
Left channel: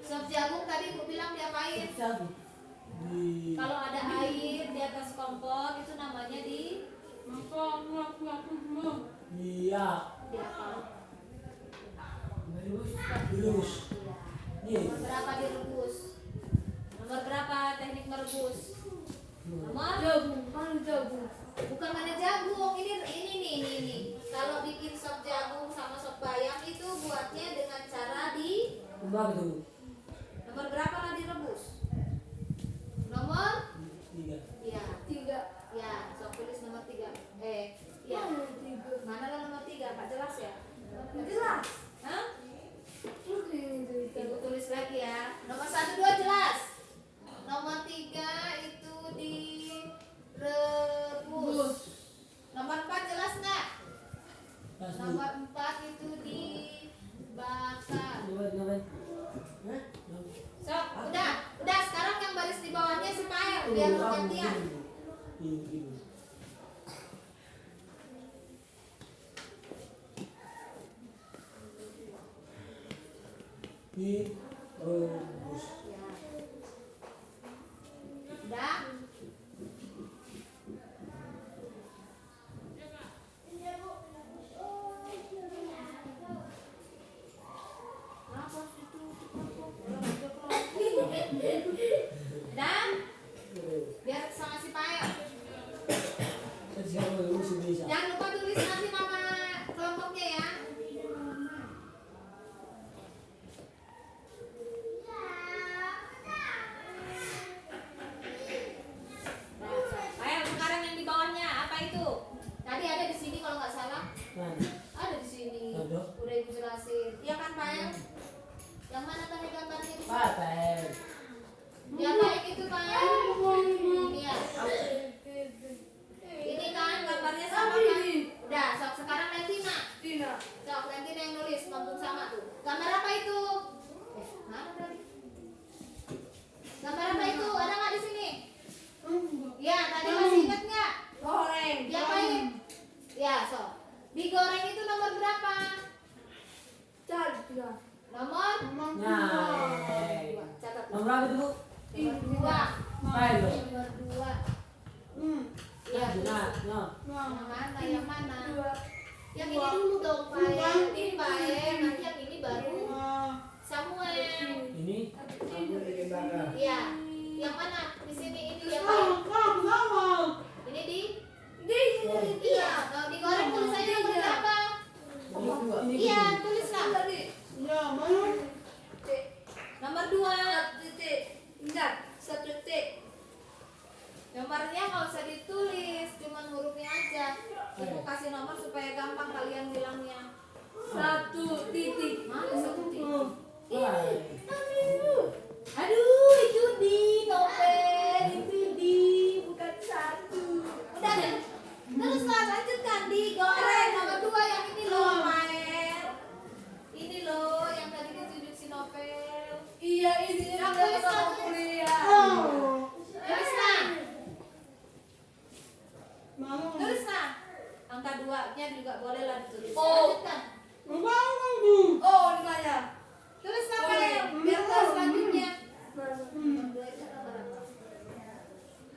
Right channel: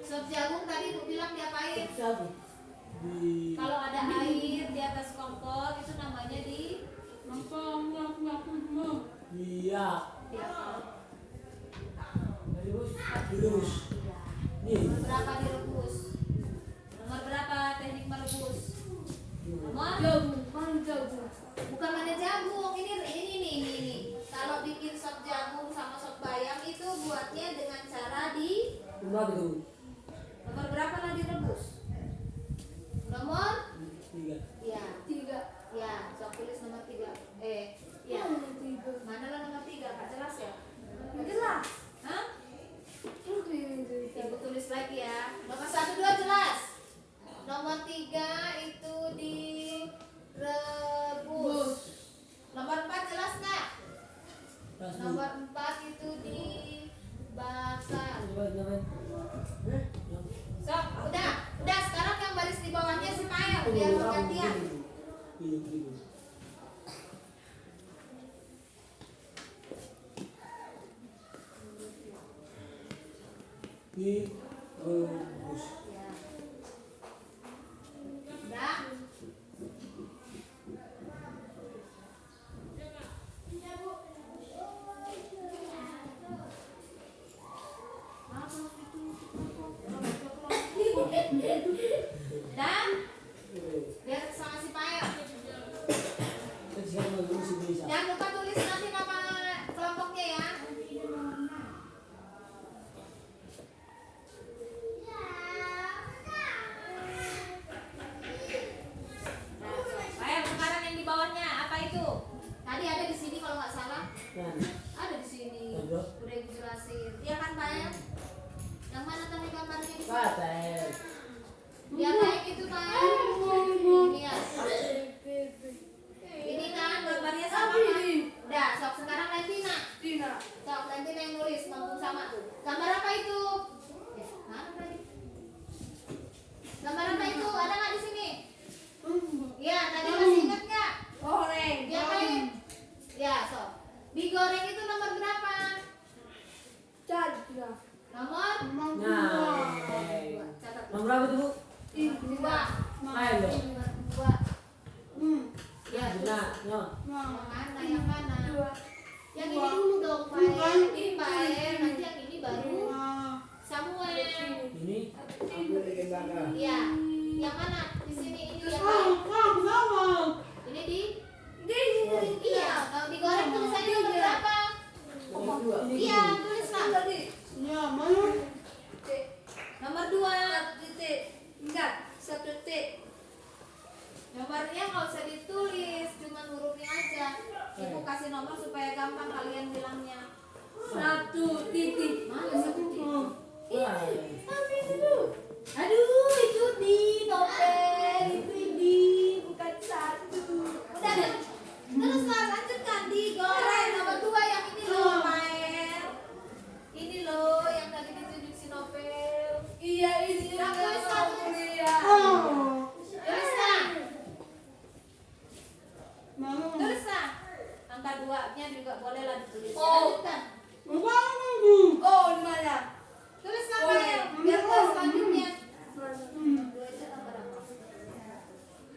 Sop jagung tadi Bu bilang diapain? Di Kalau ada air di atas kompor itu namanya di iya. diapa? Lurus. Nih. Nomor berapa direbus? Nomor berapa teknik merebus? Nomor? Jagung. Kan jagung. Bukan ada jagung. Ini nih. Kalau bikin sop jagung sama sop bayam itu buatnya dengan cara di Berapa tuh? nomor berapa lah direbus? Nomor? 3. Ya. 3. Ya, sok tulis nomor 3. Ya. Mana lah nomor 3? Nggak jelas ya? Nggak jelas. Hah? Terus ini. Ibu tulis lagi ya. Nomor 1, 2 jelas. Nomor 3 itu direbus. Nomor 4 jelas nggak? Nomor 4 itu dibakar. Sok, udah sekarang yang baris di bawahnya si Pael biar gantian. Direbus. Ya. Udah. Dan biar sama si Pael. Jangan lupa tulis nanti nama kelompoknya ya. Pael, sekarang yang di bawahnya apa itu? Tadi ada di sini kalau nggak salah. Ada di sini. Udah ibu jelasin. Iya kan Pael? Yang mana tadi gambarnya di sini? Ya baik itu Pael. Ini ya. Ini kan gambarnya sama kan? Udah, sok sekarang Lentina. Tina. Sok Lentina yang nulis, ngomong sama tuh. Gambar apa itu? Mana tadi? Gambar apa itu? Ada nggak di sini? Ya, tadi masih ingat nggak? Goreng. Diapain? Ya, sok. Digoreng itu nomor berapa? Tiga. Nomor? Nah. Catat. Nomor berapa tuh, Bu? 2. Pael loh. 2. Ya, Nah, nah. mana yang mana? 2. Yang ini dulu dong, Pael. Ini Pael, nanti yang ini baru Samuel. Ini aku lagi bakar. Iya. Yang mana? Di sini ini ya, Pael. Ini di? Iya. Kalau digoreng tulisannya nomor berapa? Ini Iya, tulislah.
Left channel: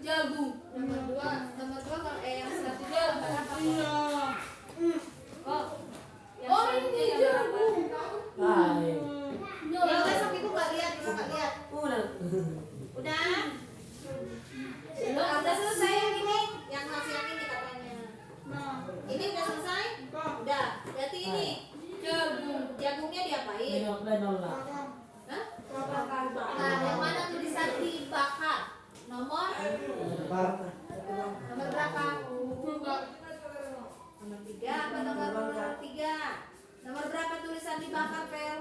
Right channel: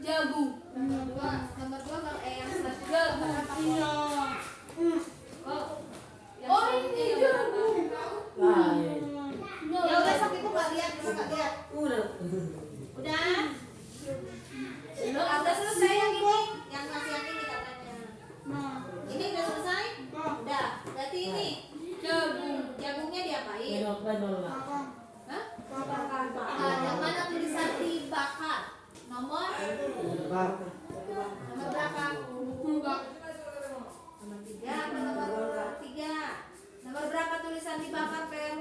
Jagung. Nomor 2 kalau yang selanjutnya nomor apa? Iya. Oh. Yang Oh, selanjutnya ini nomor apa? jagung. Hai. Ya udah sok ibu nggak lihat, ibu nggak lihat. Udah. Udah. Udah selesai yang ini, yang masih yang ini katanya. Nah, Ini udah selesai? Udah. Berarti ini jagung. jagungnya diapain? Nengok dan nolak. Hah? Bakar. Nah, yang mana tulisan dibakar? Nomor Bakar. nomor berapa? Enggak. Nomor 3 apa nomor 3? Nomor berapa tulisan dibakar, Pel?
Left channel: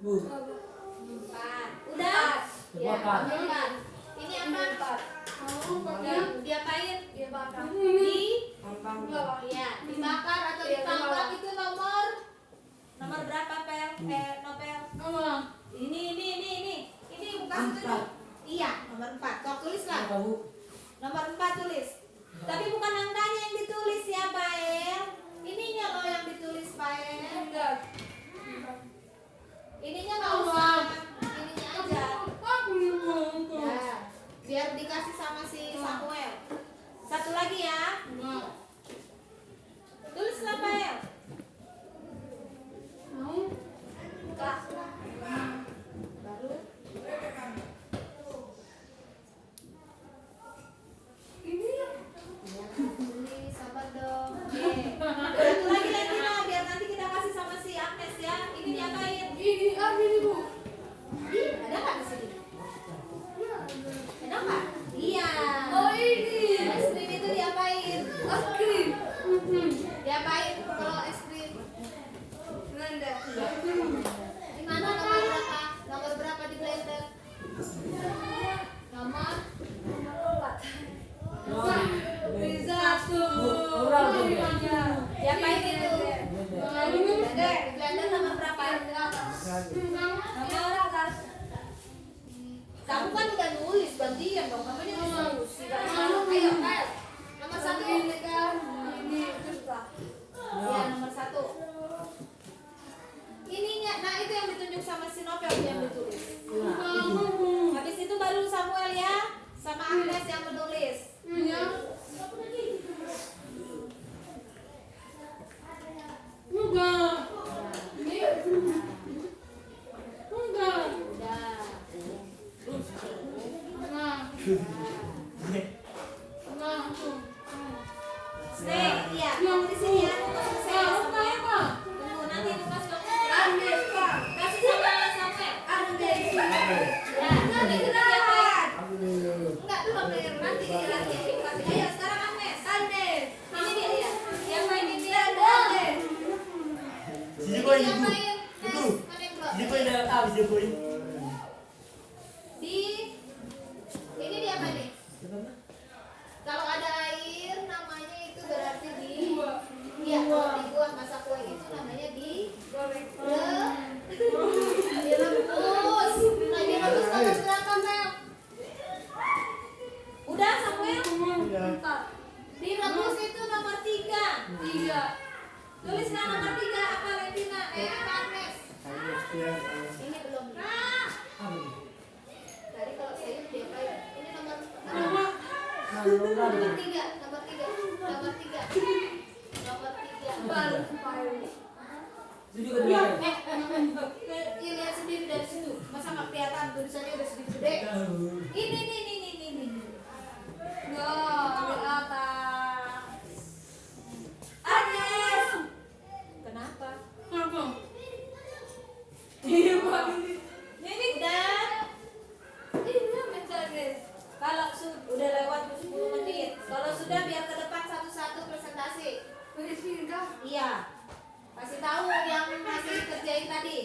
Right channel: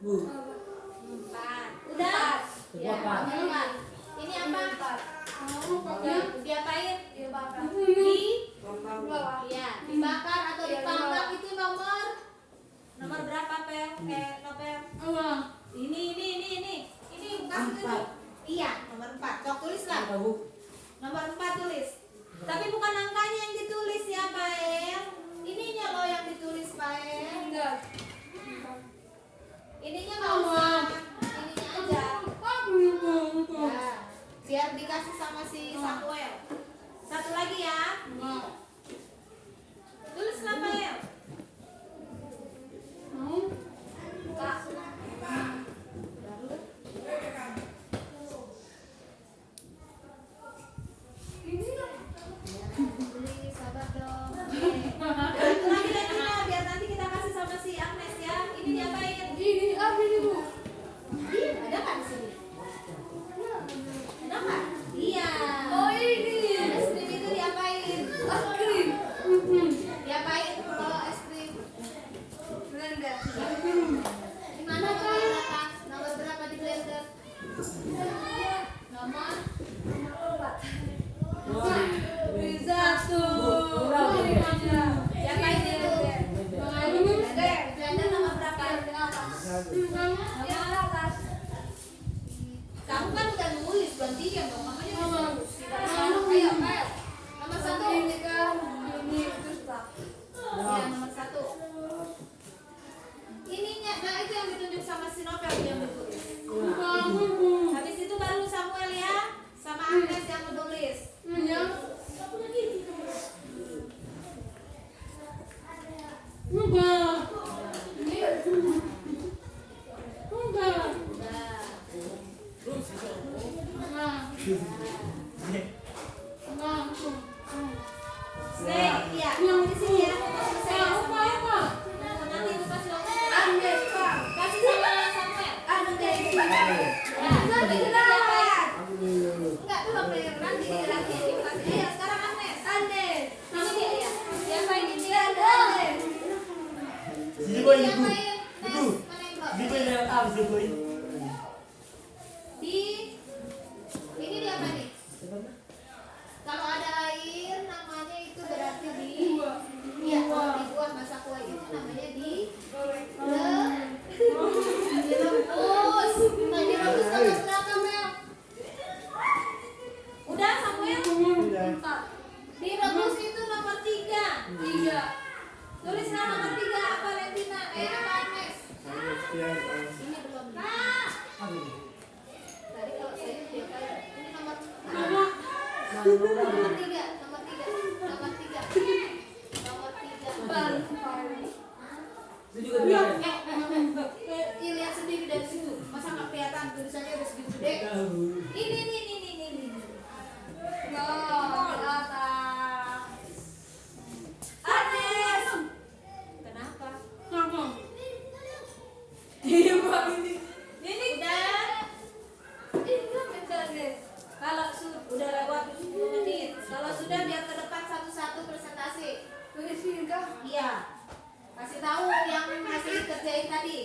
Bu. 4. Udah? Ya, Dibakar. nomor 4. Ini apa? Diapain? Iya bakar. Di Bawah. Iya, dibakar atau Iya, dipanggang bawah. itu nomor berapa, Pel? Nopel. Enggak. Ini bukan itu. 4. Iya, nomor 4. Kau tulislah. Apa bu? Nomor 4 tulis. Tapi bukan angkanya yang ditulis ya, Pael. Ininya loh yang ditulis, Pael. Enggak. Ininya nggak usah. Ininya aja. Ya, biar dikasih sama si Samuel. Satu lagi ya. Tulislah, Pael. Kak. Baru. Tulis, sabar dong. Satu lagi Tina, biar nanti kita kasih sama si Agnes ya. Ini diapain? Ini apa ini, Bu? Ih, ada nggak di sini? Ada nggak? Iya. Oh, ini. Es krim itu diapain? Es krim. Diapain kalau es krim? Blender. Di mana nomor berapa? Nomor berapa di blender? Nomor 4. Bisa Bu, kurang dong ya. Diapain itu? Blender. Blender nomor berapa? Nomor atas. Kamu kan udah nulis, gantian dong. Kamu nulis. Tidak malu. Ayo, ayo. Nomor 1. Ini kan ini susah. Ya, nomor 1. Ininya, nah itu yang ditunjuk sama si Nopel yang ditulis. Habis itu baru Samuel ya, sama Agnes yang menulis. Ya. Enggak. Ini. Enggak. Udah. Enggak. Enggak. Stay, iya. Di sini ya. Saya Apa apa? tunggu nanti aku kasih waktu. Andes, Pak. Kasih sama Samuel. Andes. Ya. Nanti kita lihat. Aduh. Enggak dulu Bel. Nanti aku kasih. Ayo sekarang Agnes. Andes. Ini dia ya. Diapain ini? Andes. Sini Ini boy, diapain? ibu. Nes, Ibu. mana yang belum? Sini boy, apa sih boy? Di ini diapain nih? Kalau ada air namanya itu berarti di iya kalau dibuat masak kue itu namanya direbus. Nah direbus nomor berapa Mel? Udah Samuel? Udah. Direbus itu nomor 3. 3. Tulislah nomor 3 apa Lentina? Apa Agnes? Ini belum. Tadi kalau saya diapain? Ini nomor nomor 3, nomor 3, nomor 3, nomor 3. Nomor 3. Itu juga dia. Ini lihat sendiri dari situ. Masa nggak kelihatan tulisannya udah segitu gede? Tahu. Ini. No, di atas. Agnes. Kenapa? Apa? Iya, Pak. Ini udah. Ini mencari. Kalau udah lewat 10 menit. Kalau sudah biar ke depan satu-satu presentasi. Tulis sini, Kak. Iya. Kasih tahu yang masih dikerjain tadi.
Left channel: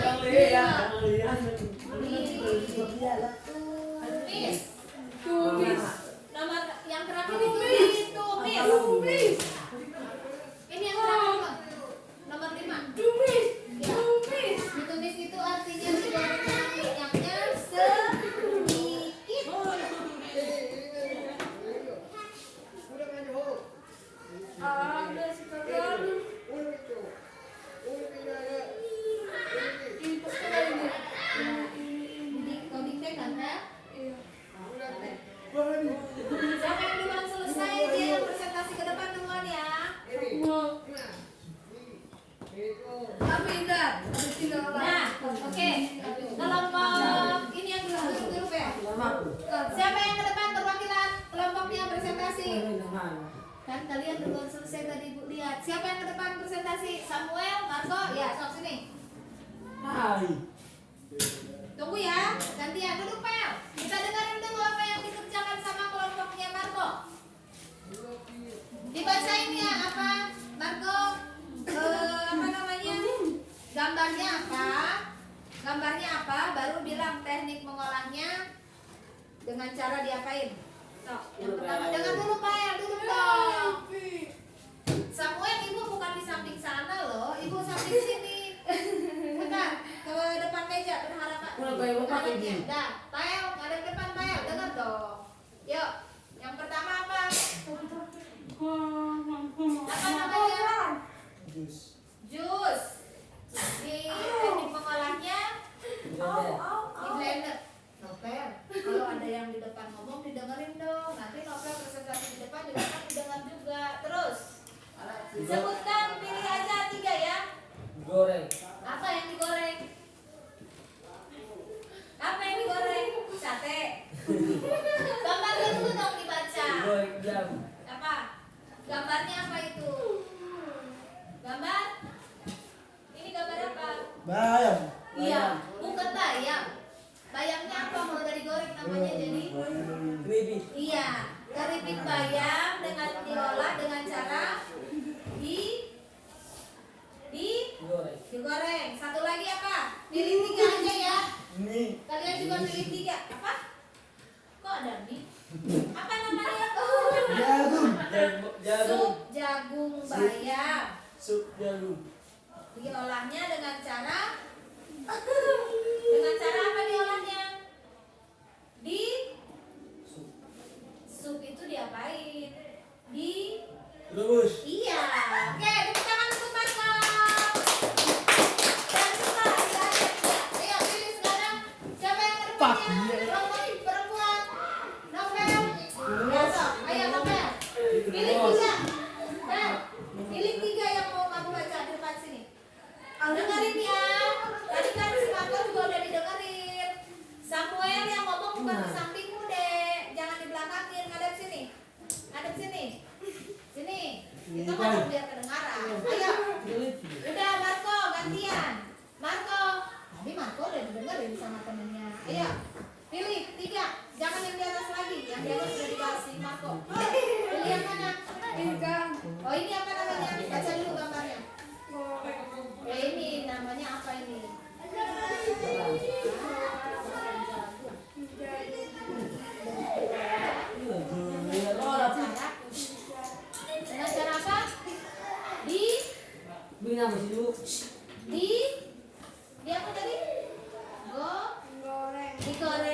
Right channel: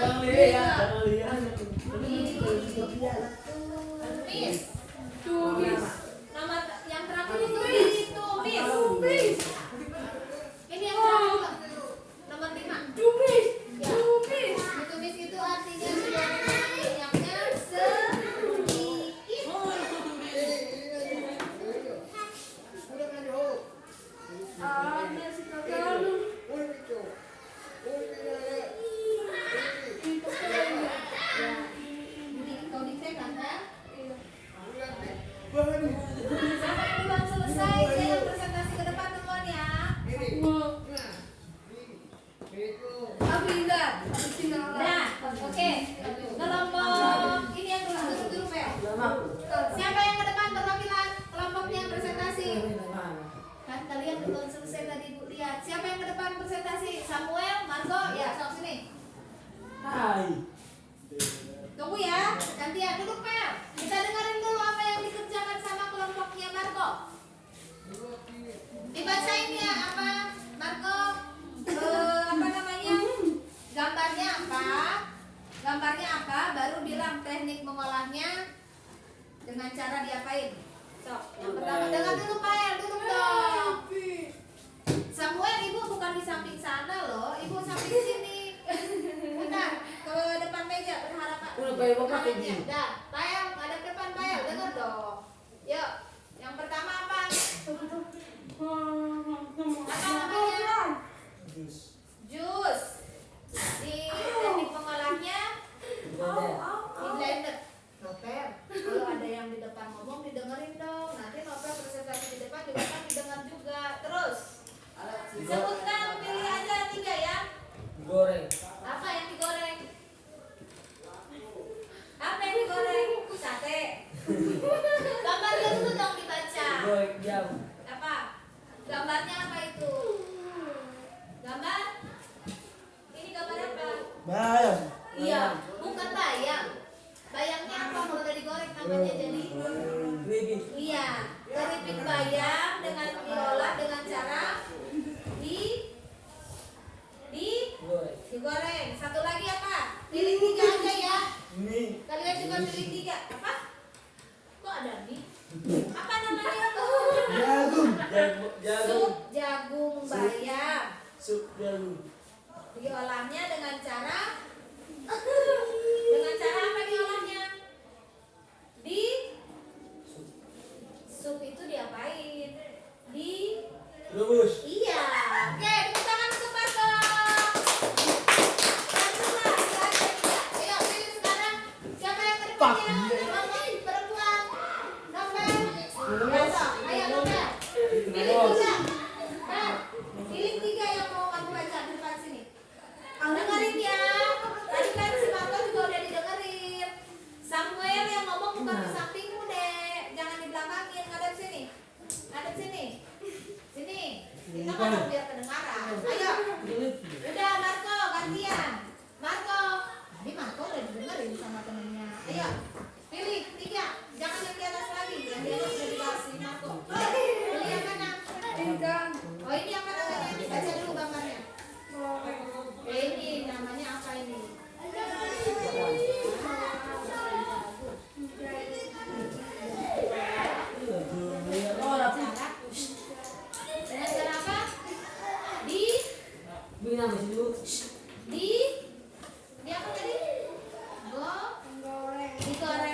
Jangan lihat. Miss. Tumis. Nomor yang terakhir itu tumis. Ini yang terakhir. Nomor 5. Tumis. Ya. Tumis. Ditumis itu artinya digoreng minyaknya sedikit. Ada sekali. Jadi komiknya kan ya? Iya. Siapa yang belum selesai dia yang presentasi ke depan duluan ya. Mau. Aku ingat. Aku tinggal Nah, oke. Kelompok ini yang duduk ya. Siapa yang ke depan perwakilan kelompoknya presentasi? Kan kalian belum selesai tadi Bu lihat. Siapa yang ke depan presentasi? Samuel, Marco, ya, sama sini. Hai. Tunggu ya, gantian duduk Pel. Kita dengerin dulu apa yang dikerjakan sama kelompoknya Marco. Dibacain ya apa Marco? Apa namanya? Gambarnya apa? Gambarnya apa? Baru bilang teknik mengolahnya dengan cara diapain? Sok, yang pertama dengar dulu Pel, duduk dong. Samuel, ibu bukan di samping sana loh, ibu samping sini. Bentar, ke depan meja berharap. Udah kayak bapak ini. Dah, Pael, ada depan Pael, dengar dong. Yuk, yang pertama apa? Apa namanya? Jus. Di teknik mengolahnya di blender. Novel, kalau ada yang di depan ngomong didengerin dong. Nanti Novel presentasi di depan juga kan didengar juga. Terus, sebutkan, pilih aja 3 ya. Goreng. Apa yang digoreng? Apa yang digoreng? Sate. Gambarnya dulu dong dibaca. Goreng jam. Apa? Gambarnya apa itu? Gambar? Ini gambar apa? Bayam. Iya, bukan bayam. Bayamnya apa kalau udah digoreng namanya jadi? Keripik. Iya, keripik bayam dengan diolah dengan cara Goreng. digoreng. Satu lagi apa? Pilih 3 aja ya. Mie. Kalian juga pilih 3. Apa? Kok ada mie? Apa namanya tuh? Jagung. Jagung. Sup jagung bayam. Sup jagung. Diolahnya dengan cara apa diolahnya? Di sup itu diapain? Di Rebus. iya. Oke, tepuk tangan untuk Marco. Dan juga ayo pilih sekarang siapa yang terpilih? Perempuan. Novel. Besok. Ayo Novel. Pilih 3. Nah, pilih 3 yang mau kamu baca di depan sini. Dengerin ya. Tadi kan si Marco juga udah didengerin. Samuel yang ngomong bukan di sampingmu deh. Jangan di belakangin. Ngadep sini. Ngadep sini. Sini. Kita ngadep biar kedengaran. Ayo. Udah Marco gantian. Marco. Tadi Marco udah didengerin sama temennya. Ayo. Pilih 3. Jangan yang di atas lagi. Yang di atas udah dikasih Marco. Pilih yang mana? Oh ini apa namanya? Baca dulu gambarnya. Ini namanya apa ini? Dengan cara apa? Bina masih dulu. Di apa tadi? Digoreng.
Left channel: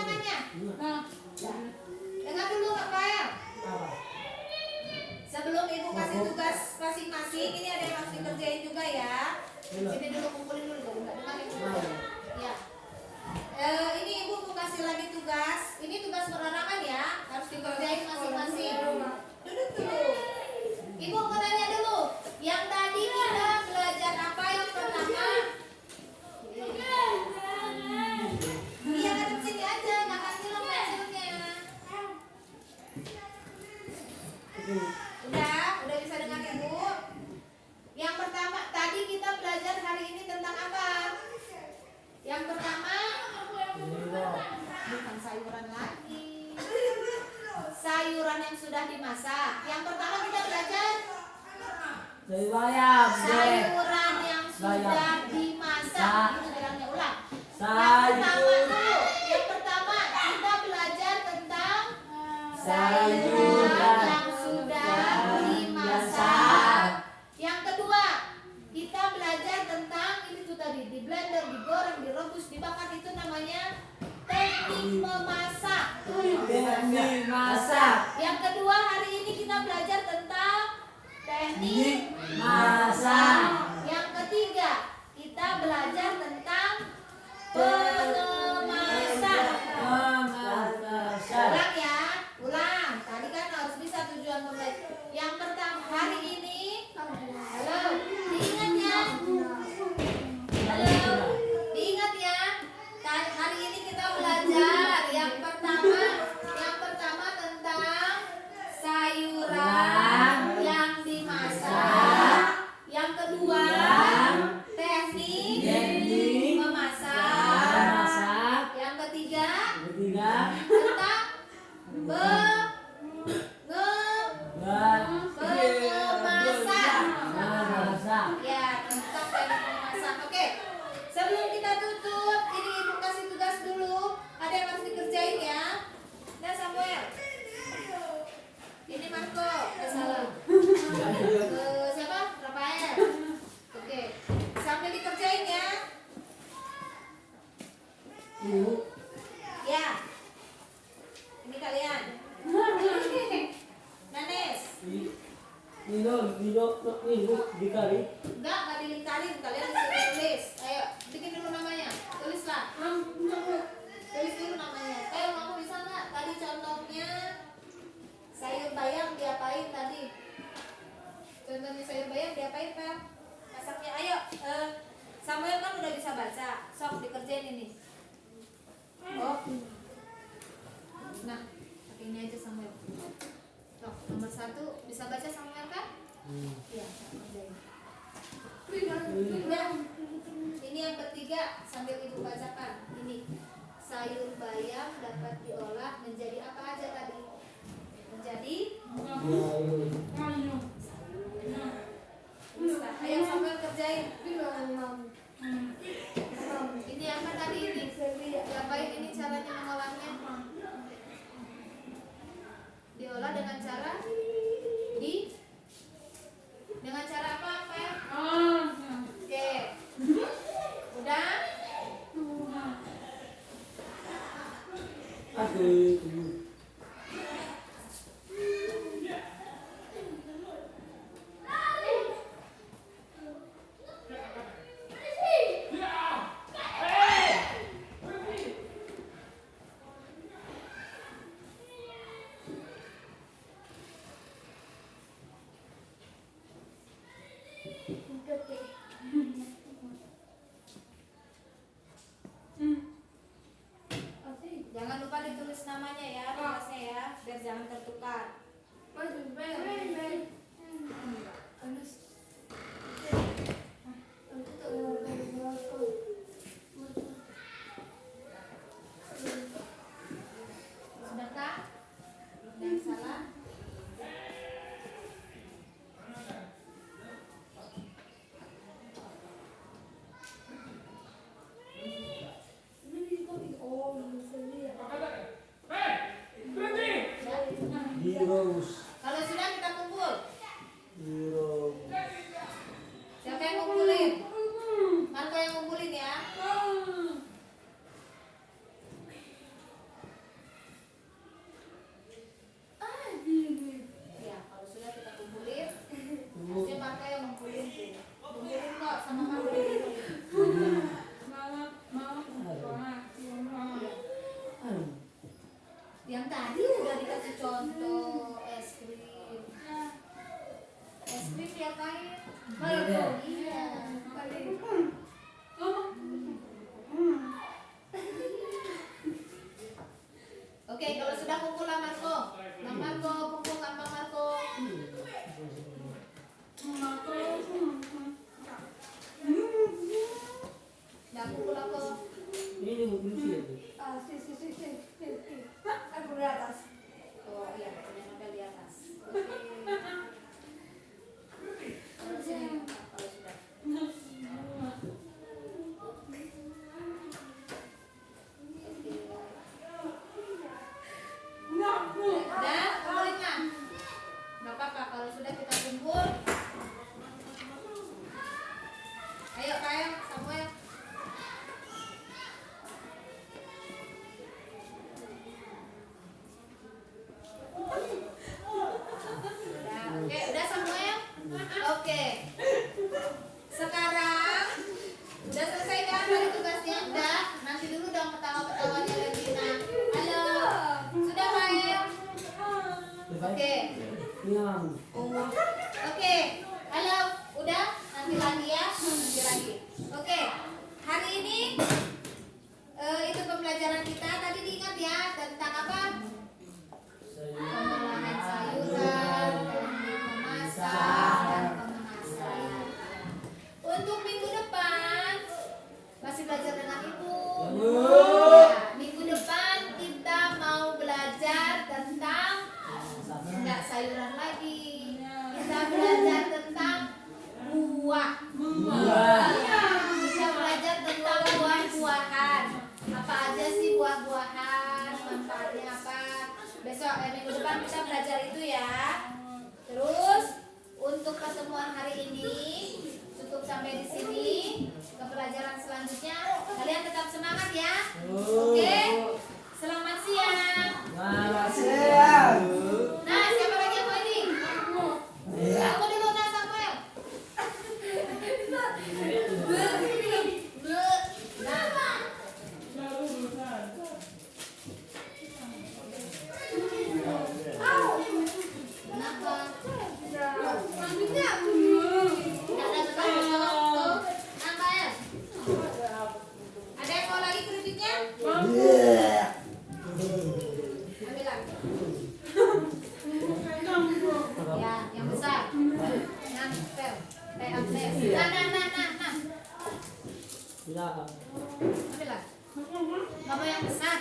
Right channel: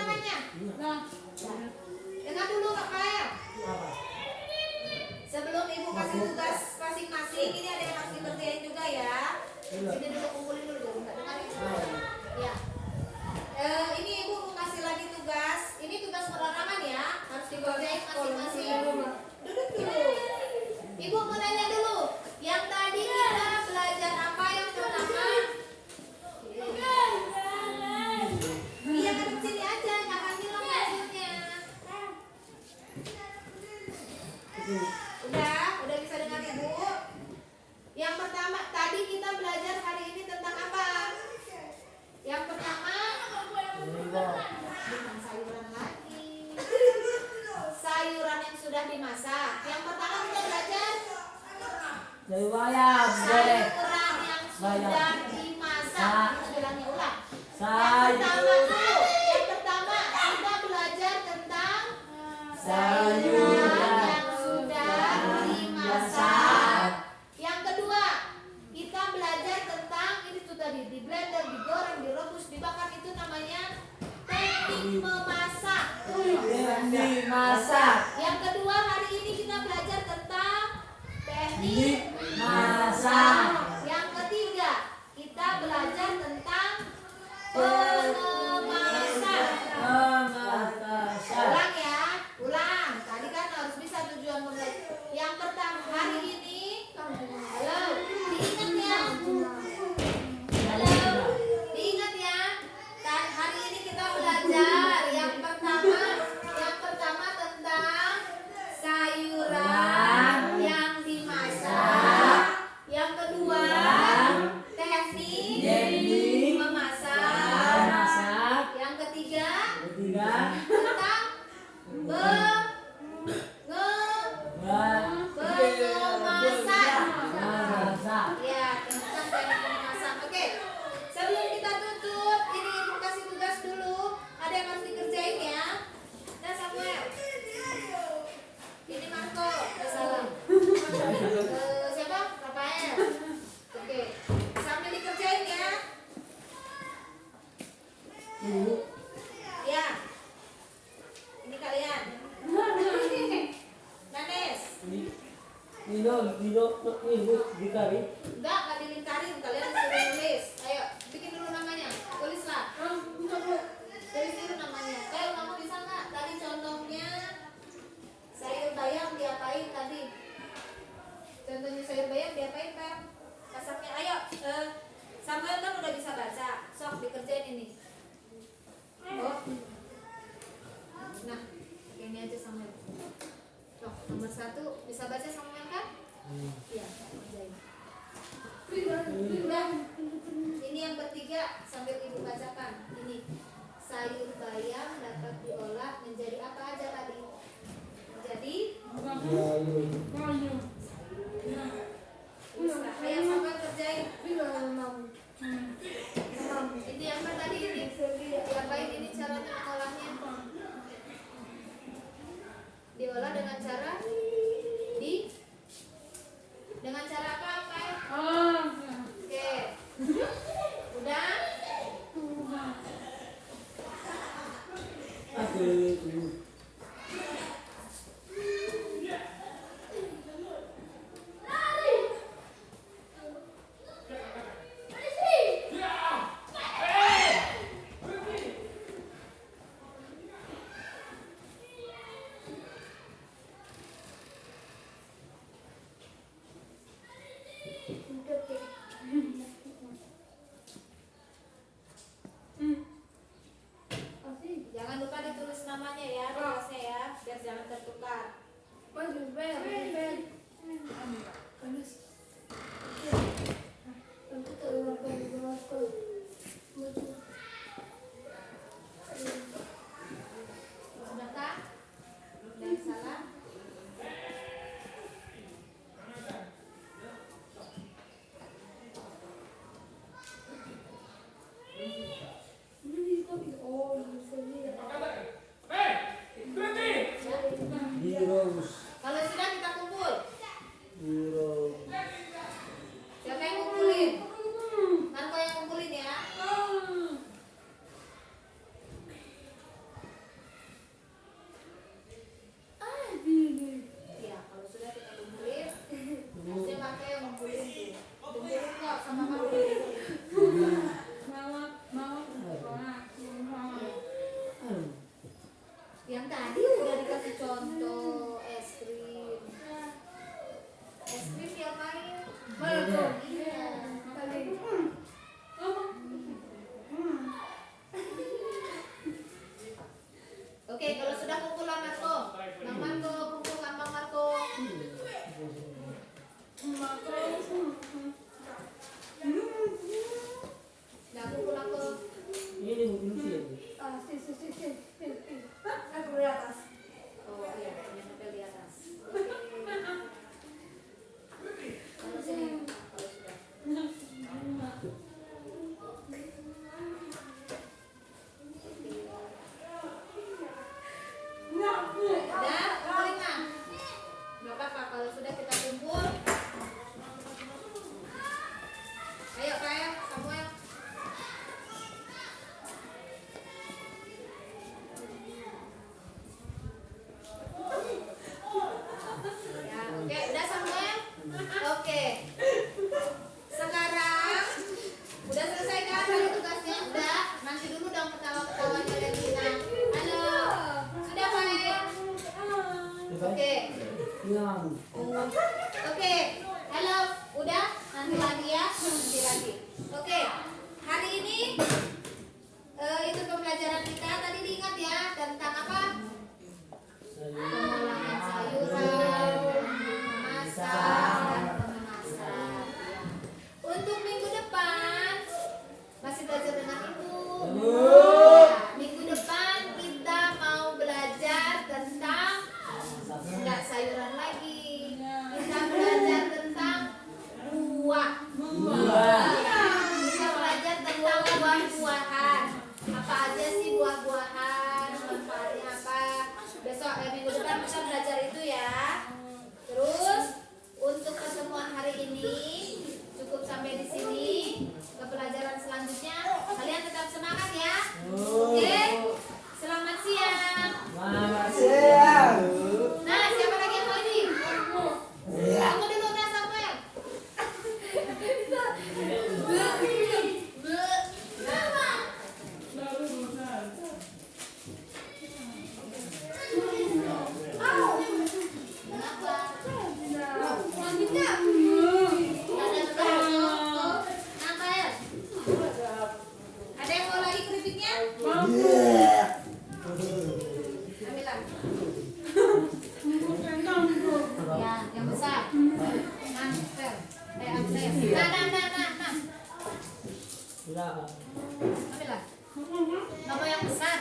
namanya? Nah, Dengar dulu Rafael. Apa? Sebelum ibu kasih tugas masing-masing, ini ada yang harus dikerjain juga ya. Ini dulu kumpulin dulu, enggak dengar yang dulu. Ya. Ini ibu mau kasih lagi tugas. Ini tugas penerangan ya, harus dikerjain masing-masing. Duduk dulu. Ibu mau nanya dulu, yang tadi kita belajar apa yang pertama? Iya, ada sini aja, nggak kasih lo hasilnya. Udah bisa dengar ibu. Yang pertama, tadi kita belajar hari ini tentang apa? Yang pertama, bukan sayuran lagi. Sayuran yang sudah dimasak. Yang pertama kita belajar Dari bayam, deh. sayuran yang sudah dimasak. Kita bilangnya ulang. Yang pertama kita belajar tentang sayuran yang sudah dimasak. Yang kedua kita belajar tentang ini tuh tadi di blender, digoreng, direbus, dibakar, itu namanya teknik memasak. Teknik masak. Yang kedua hari ini kita belajar tentang teknik Masak. Yang ketiga kita belajar tentang pengemasan. Memasak. Ulang ya, ulang. Tadi kan harus bisa tujuan pembelajaran. Yang pertama hari ini, halo, diingat ya. Halo, diingat ya. Hari ini kita belajar yang pertama tentang sayuran yang dimasak. Yang kedua teknik memasak. Masak. Yang ketiga Ketiga. tentang pengemasan. Masak. Ya, tentang teknik memasak. Oke. Sebelum kita tutup, ini ibu kasih tugas dulu. Ada yang harus dikerjain ya. Nah, Samuel. Ini Marco. Salam. Siapa? Rafael. Oke. Sambil dikerjain ya. Ibu. Ya. Ini kalian. Nanes. Nino, ibu dikari. Enggak dilingkarin, kalian disuruh tulis. Ayo, bikin dulu namanya. Tulislah. Tulis dulu namanya. Kamu bisa nggak? Tadi contohnya sayur bayam diapain tadi? Contohnya sayur bayam diapain, Pak? Masaknya. Ayo, Samuel kan udah bisa baca. Sok dikerjain ini. Oh. Nah, pakai ini aja Samuel. Sok, nomor 1 bisa baca Samuel kan? Iya, kerjain. Udah. Ini yang ketiga sambil ibu bacakan. Ini sayur bayam dapat diolah menjadi apa aja tadi? Menjadi tulislah. Ayo Samuel kerjain. Ini apa tadi ini? Diapain ini caranya mengolahnya? Diolah dengan cara dengan cara apa? Oke. Udah? Aduh. Jangan lupa ditulis namanya ya, tugasnya ya, biar jangan tertukar. Sudahkah? Jangan salah. Biro. Yang tadi udah dikasih contoh es krim. Es krim yang lain. Beda. Iya. Oke, kalau sudah kumpulan Marco. Bang Marco, kumpulkan Bang Marco. Udah kumpul aku. Ini bukan sih. Aku di atas. Oh iya, punya novel di atas. Oke. Kalau sini, kalau sudah. Udah, kumpulin lah. Gak apa-apa, kalau sudah kita kumpul. Ayo, Kak, Samuel. Udah Samuel? Oke. Sekarang udah selesai kan bagi tugasnya? Udah. Nanti dulu dong ketawa-ketawa kalian kita. Halo. Sudah, Pak? Oke. Yang. Oke. Halo. Udah? Nanti lagi ya. Nanti lagi. Oke. Hari ini itu pembelajaran kita tadi diingat ya tentang apa? Pengolahan sayuran, memasak, dan pemanasan. Untuk minggu depan masih belajar dengan ibu. Nah, minggu depan kita mau belajar tentang enggak sayuran lagi. Kita belajar tentang buah. Ya, kita belajar tentang buah-buahan. Apa aja sih buah-buahan? Manfaatnya apa? Besok minggu depan kita belajar itu ya. Terus untuk pertemuan hari ini cukup sampai di sini. Ke pelajaran selanjutnya kalian tetap semangat ya. Oke. Selamat siang. Selamat siang. Nah, siapa lagi yang mau ini? Kamu dulu nah Samuel. Kenapa? Ada yang mau lagi keripiknya? Ambil lagi. Ya, yang besar. Amsel. Amsel. Nah. Sudah. Ambil lagi. Kamu yang besar.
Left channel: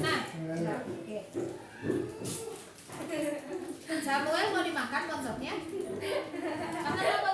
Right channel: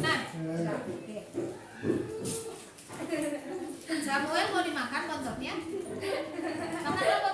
Nah. Oke. Samuel mau dimakan bonsoknya? Makan apa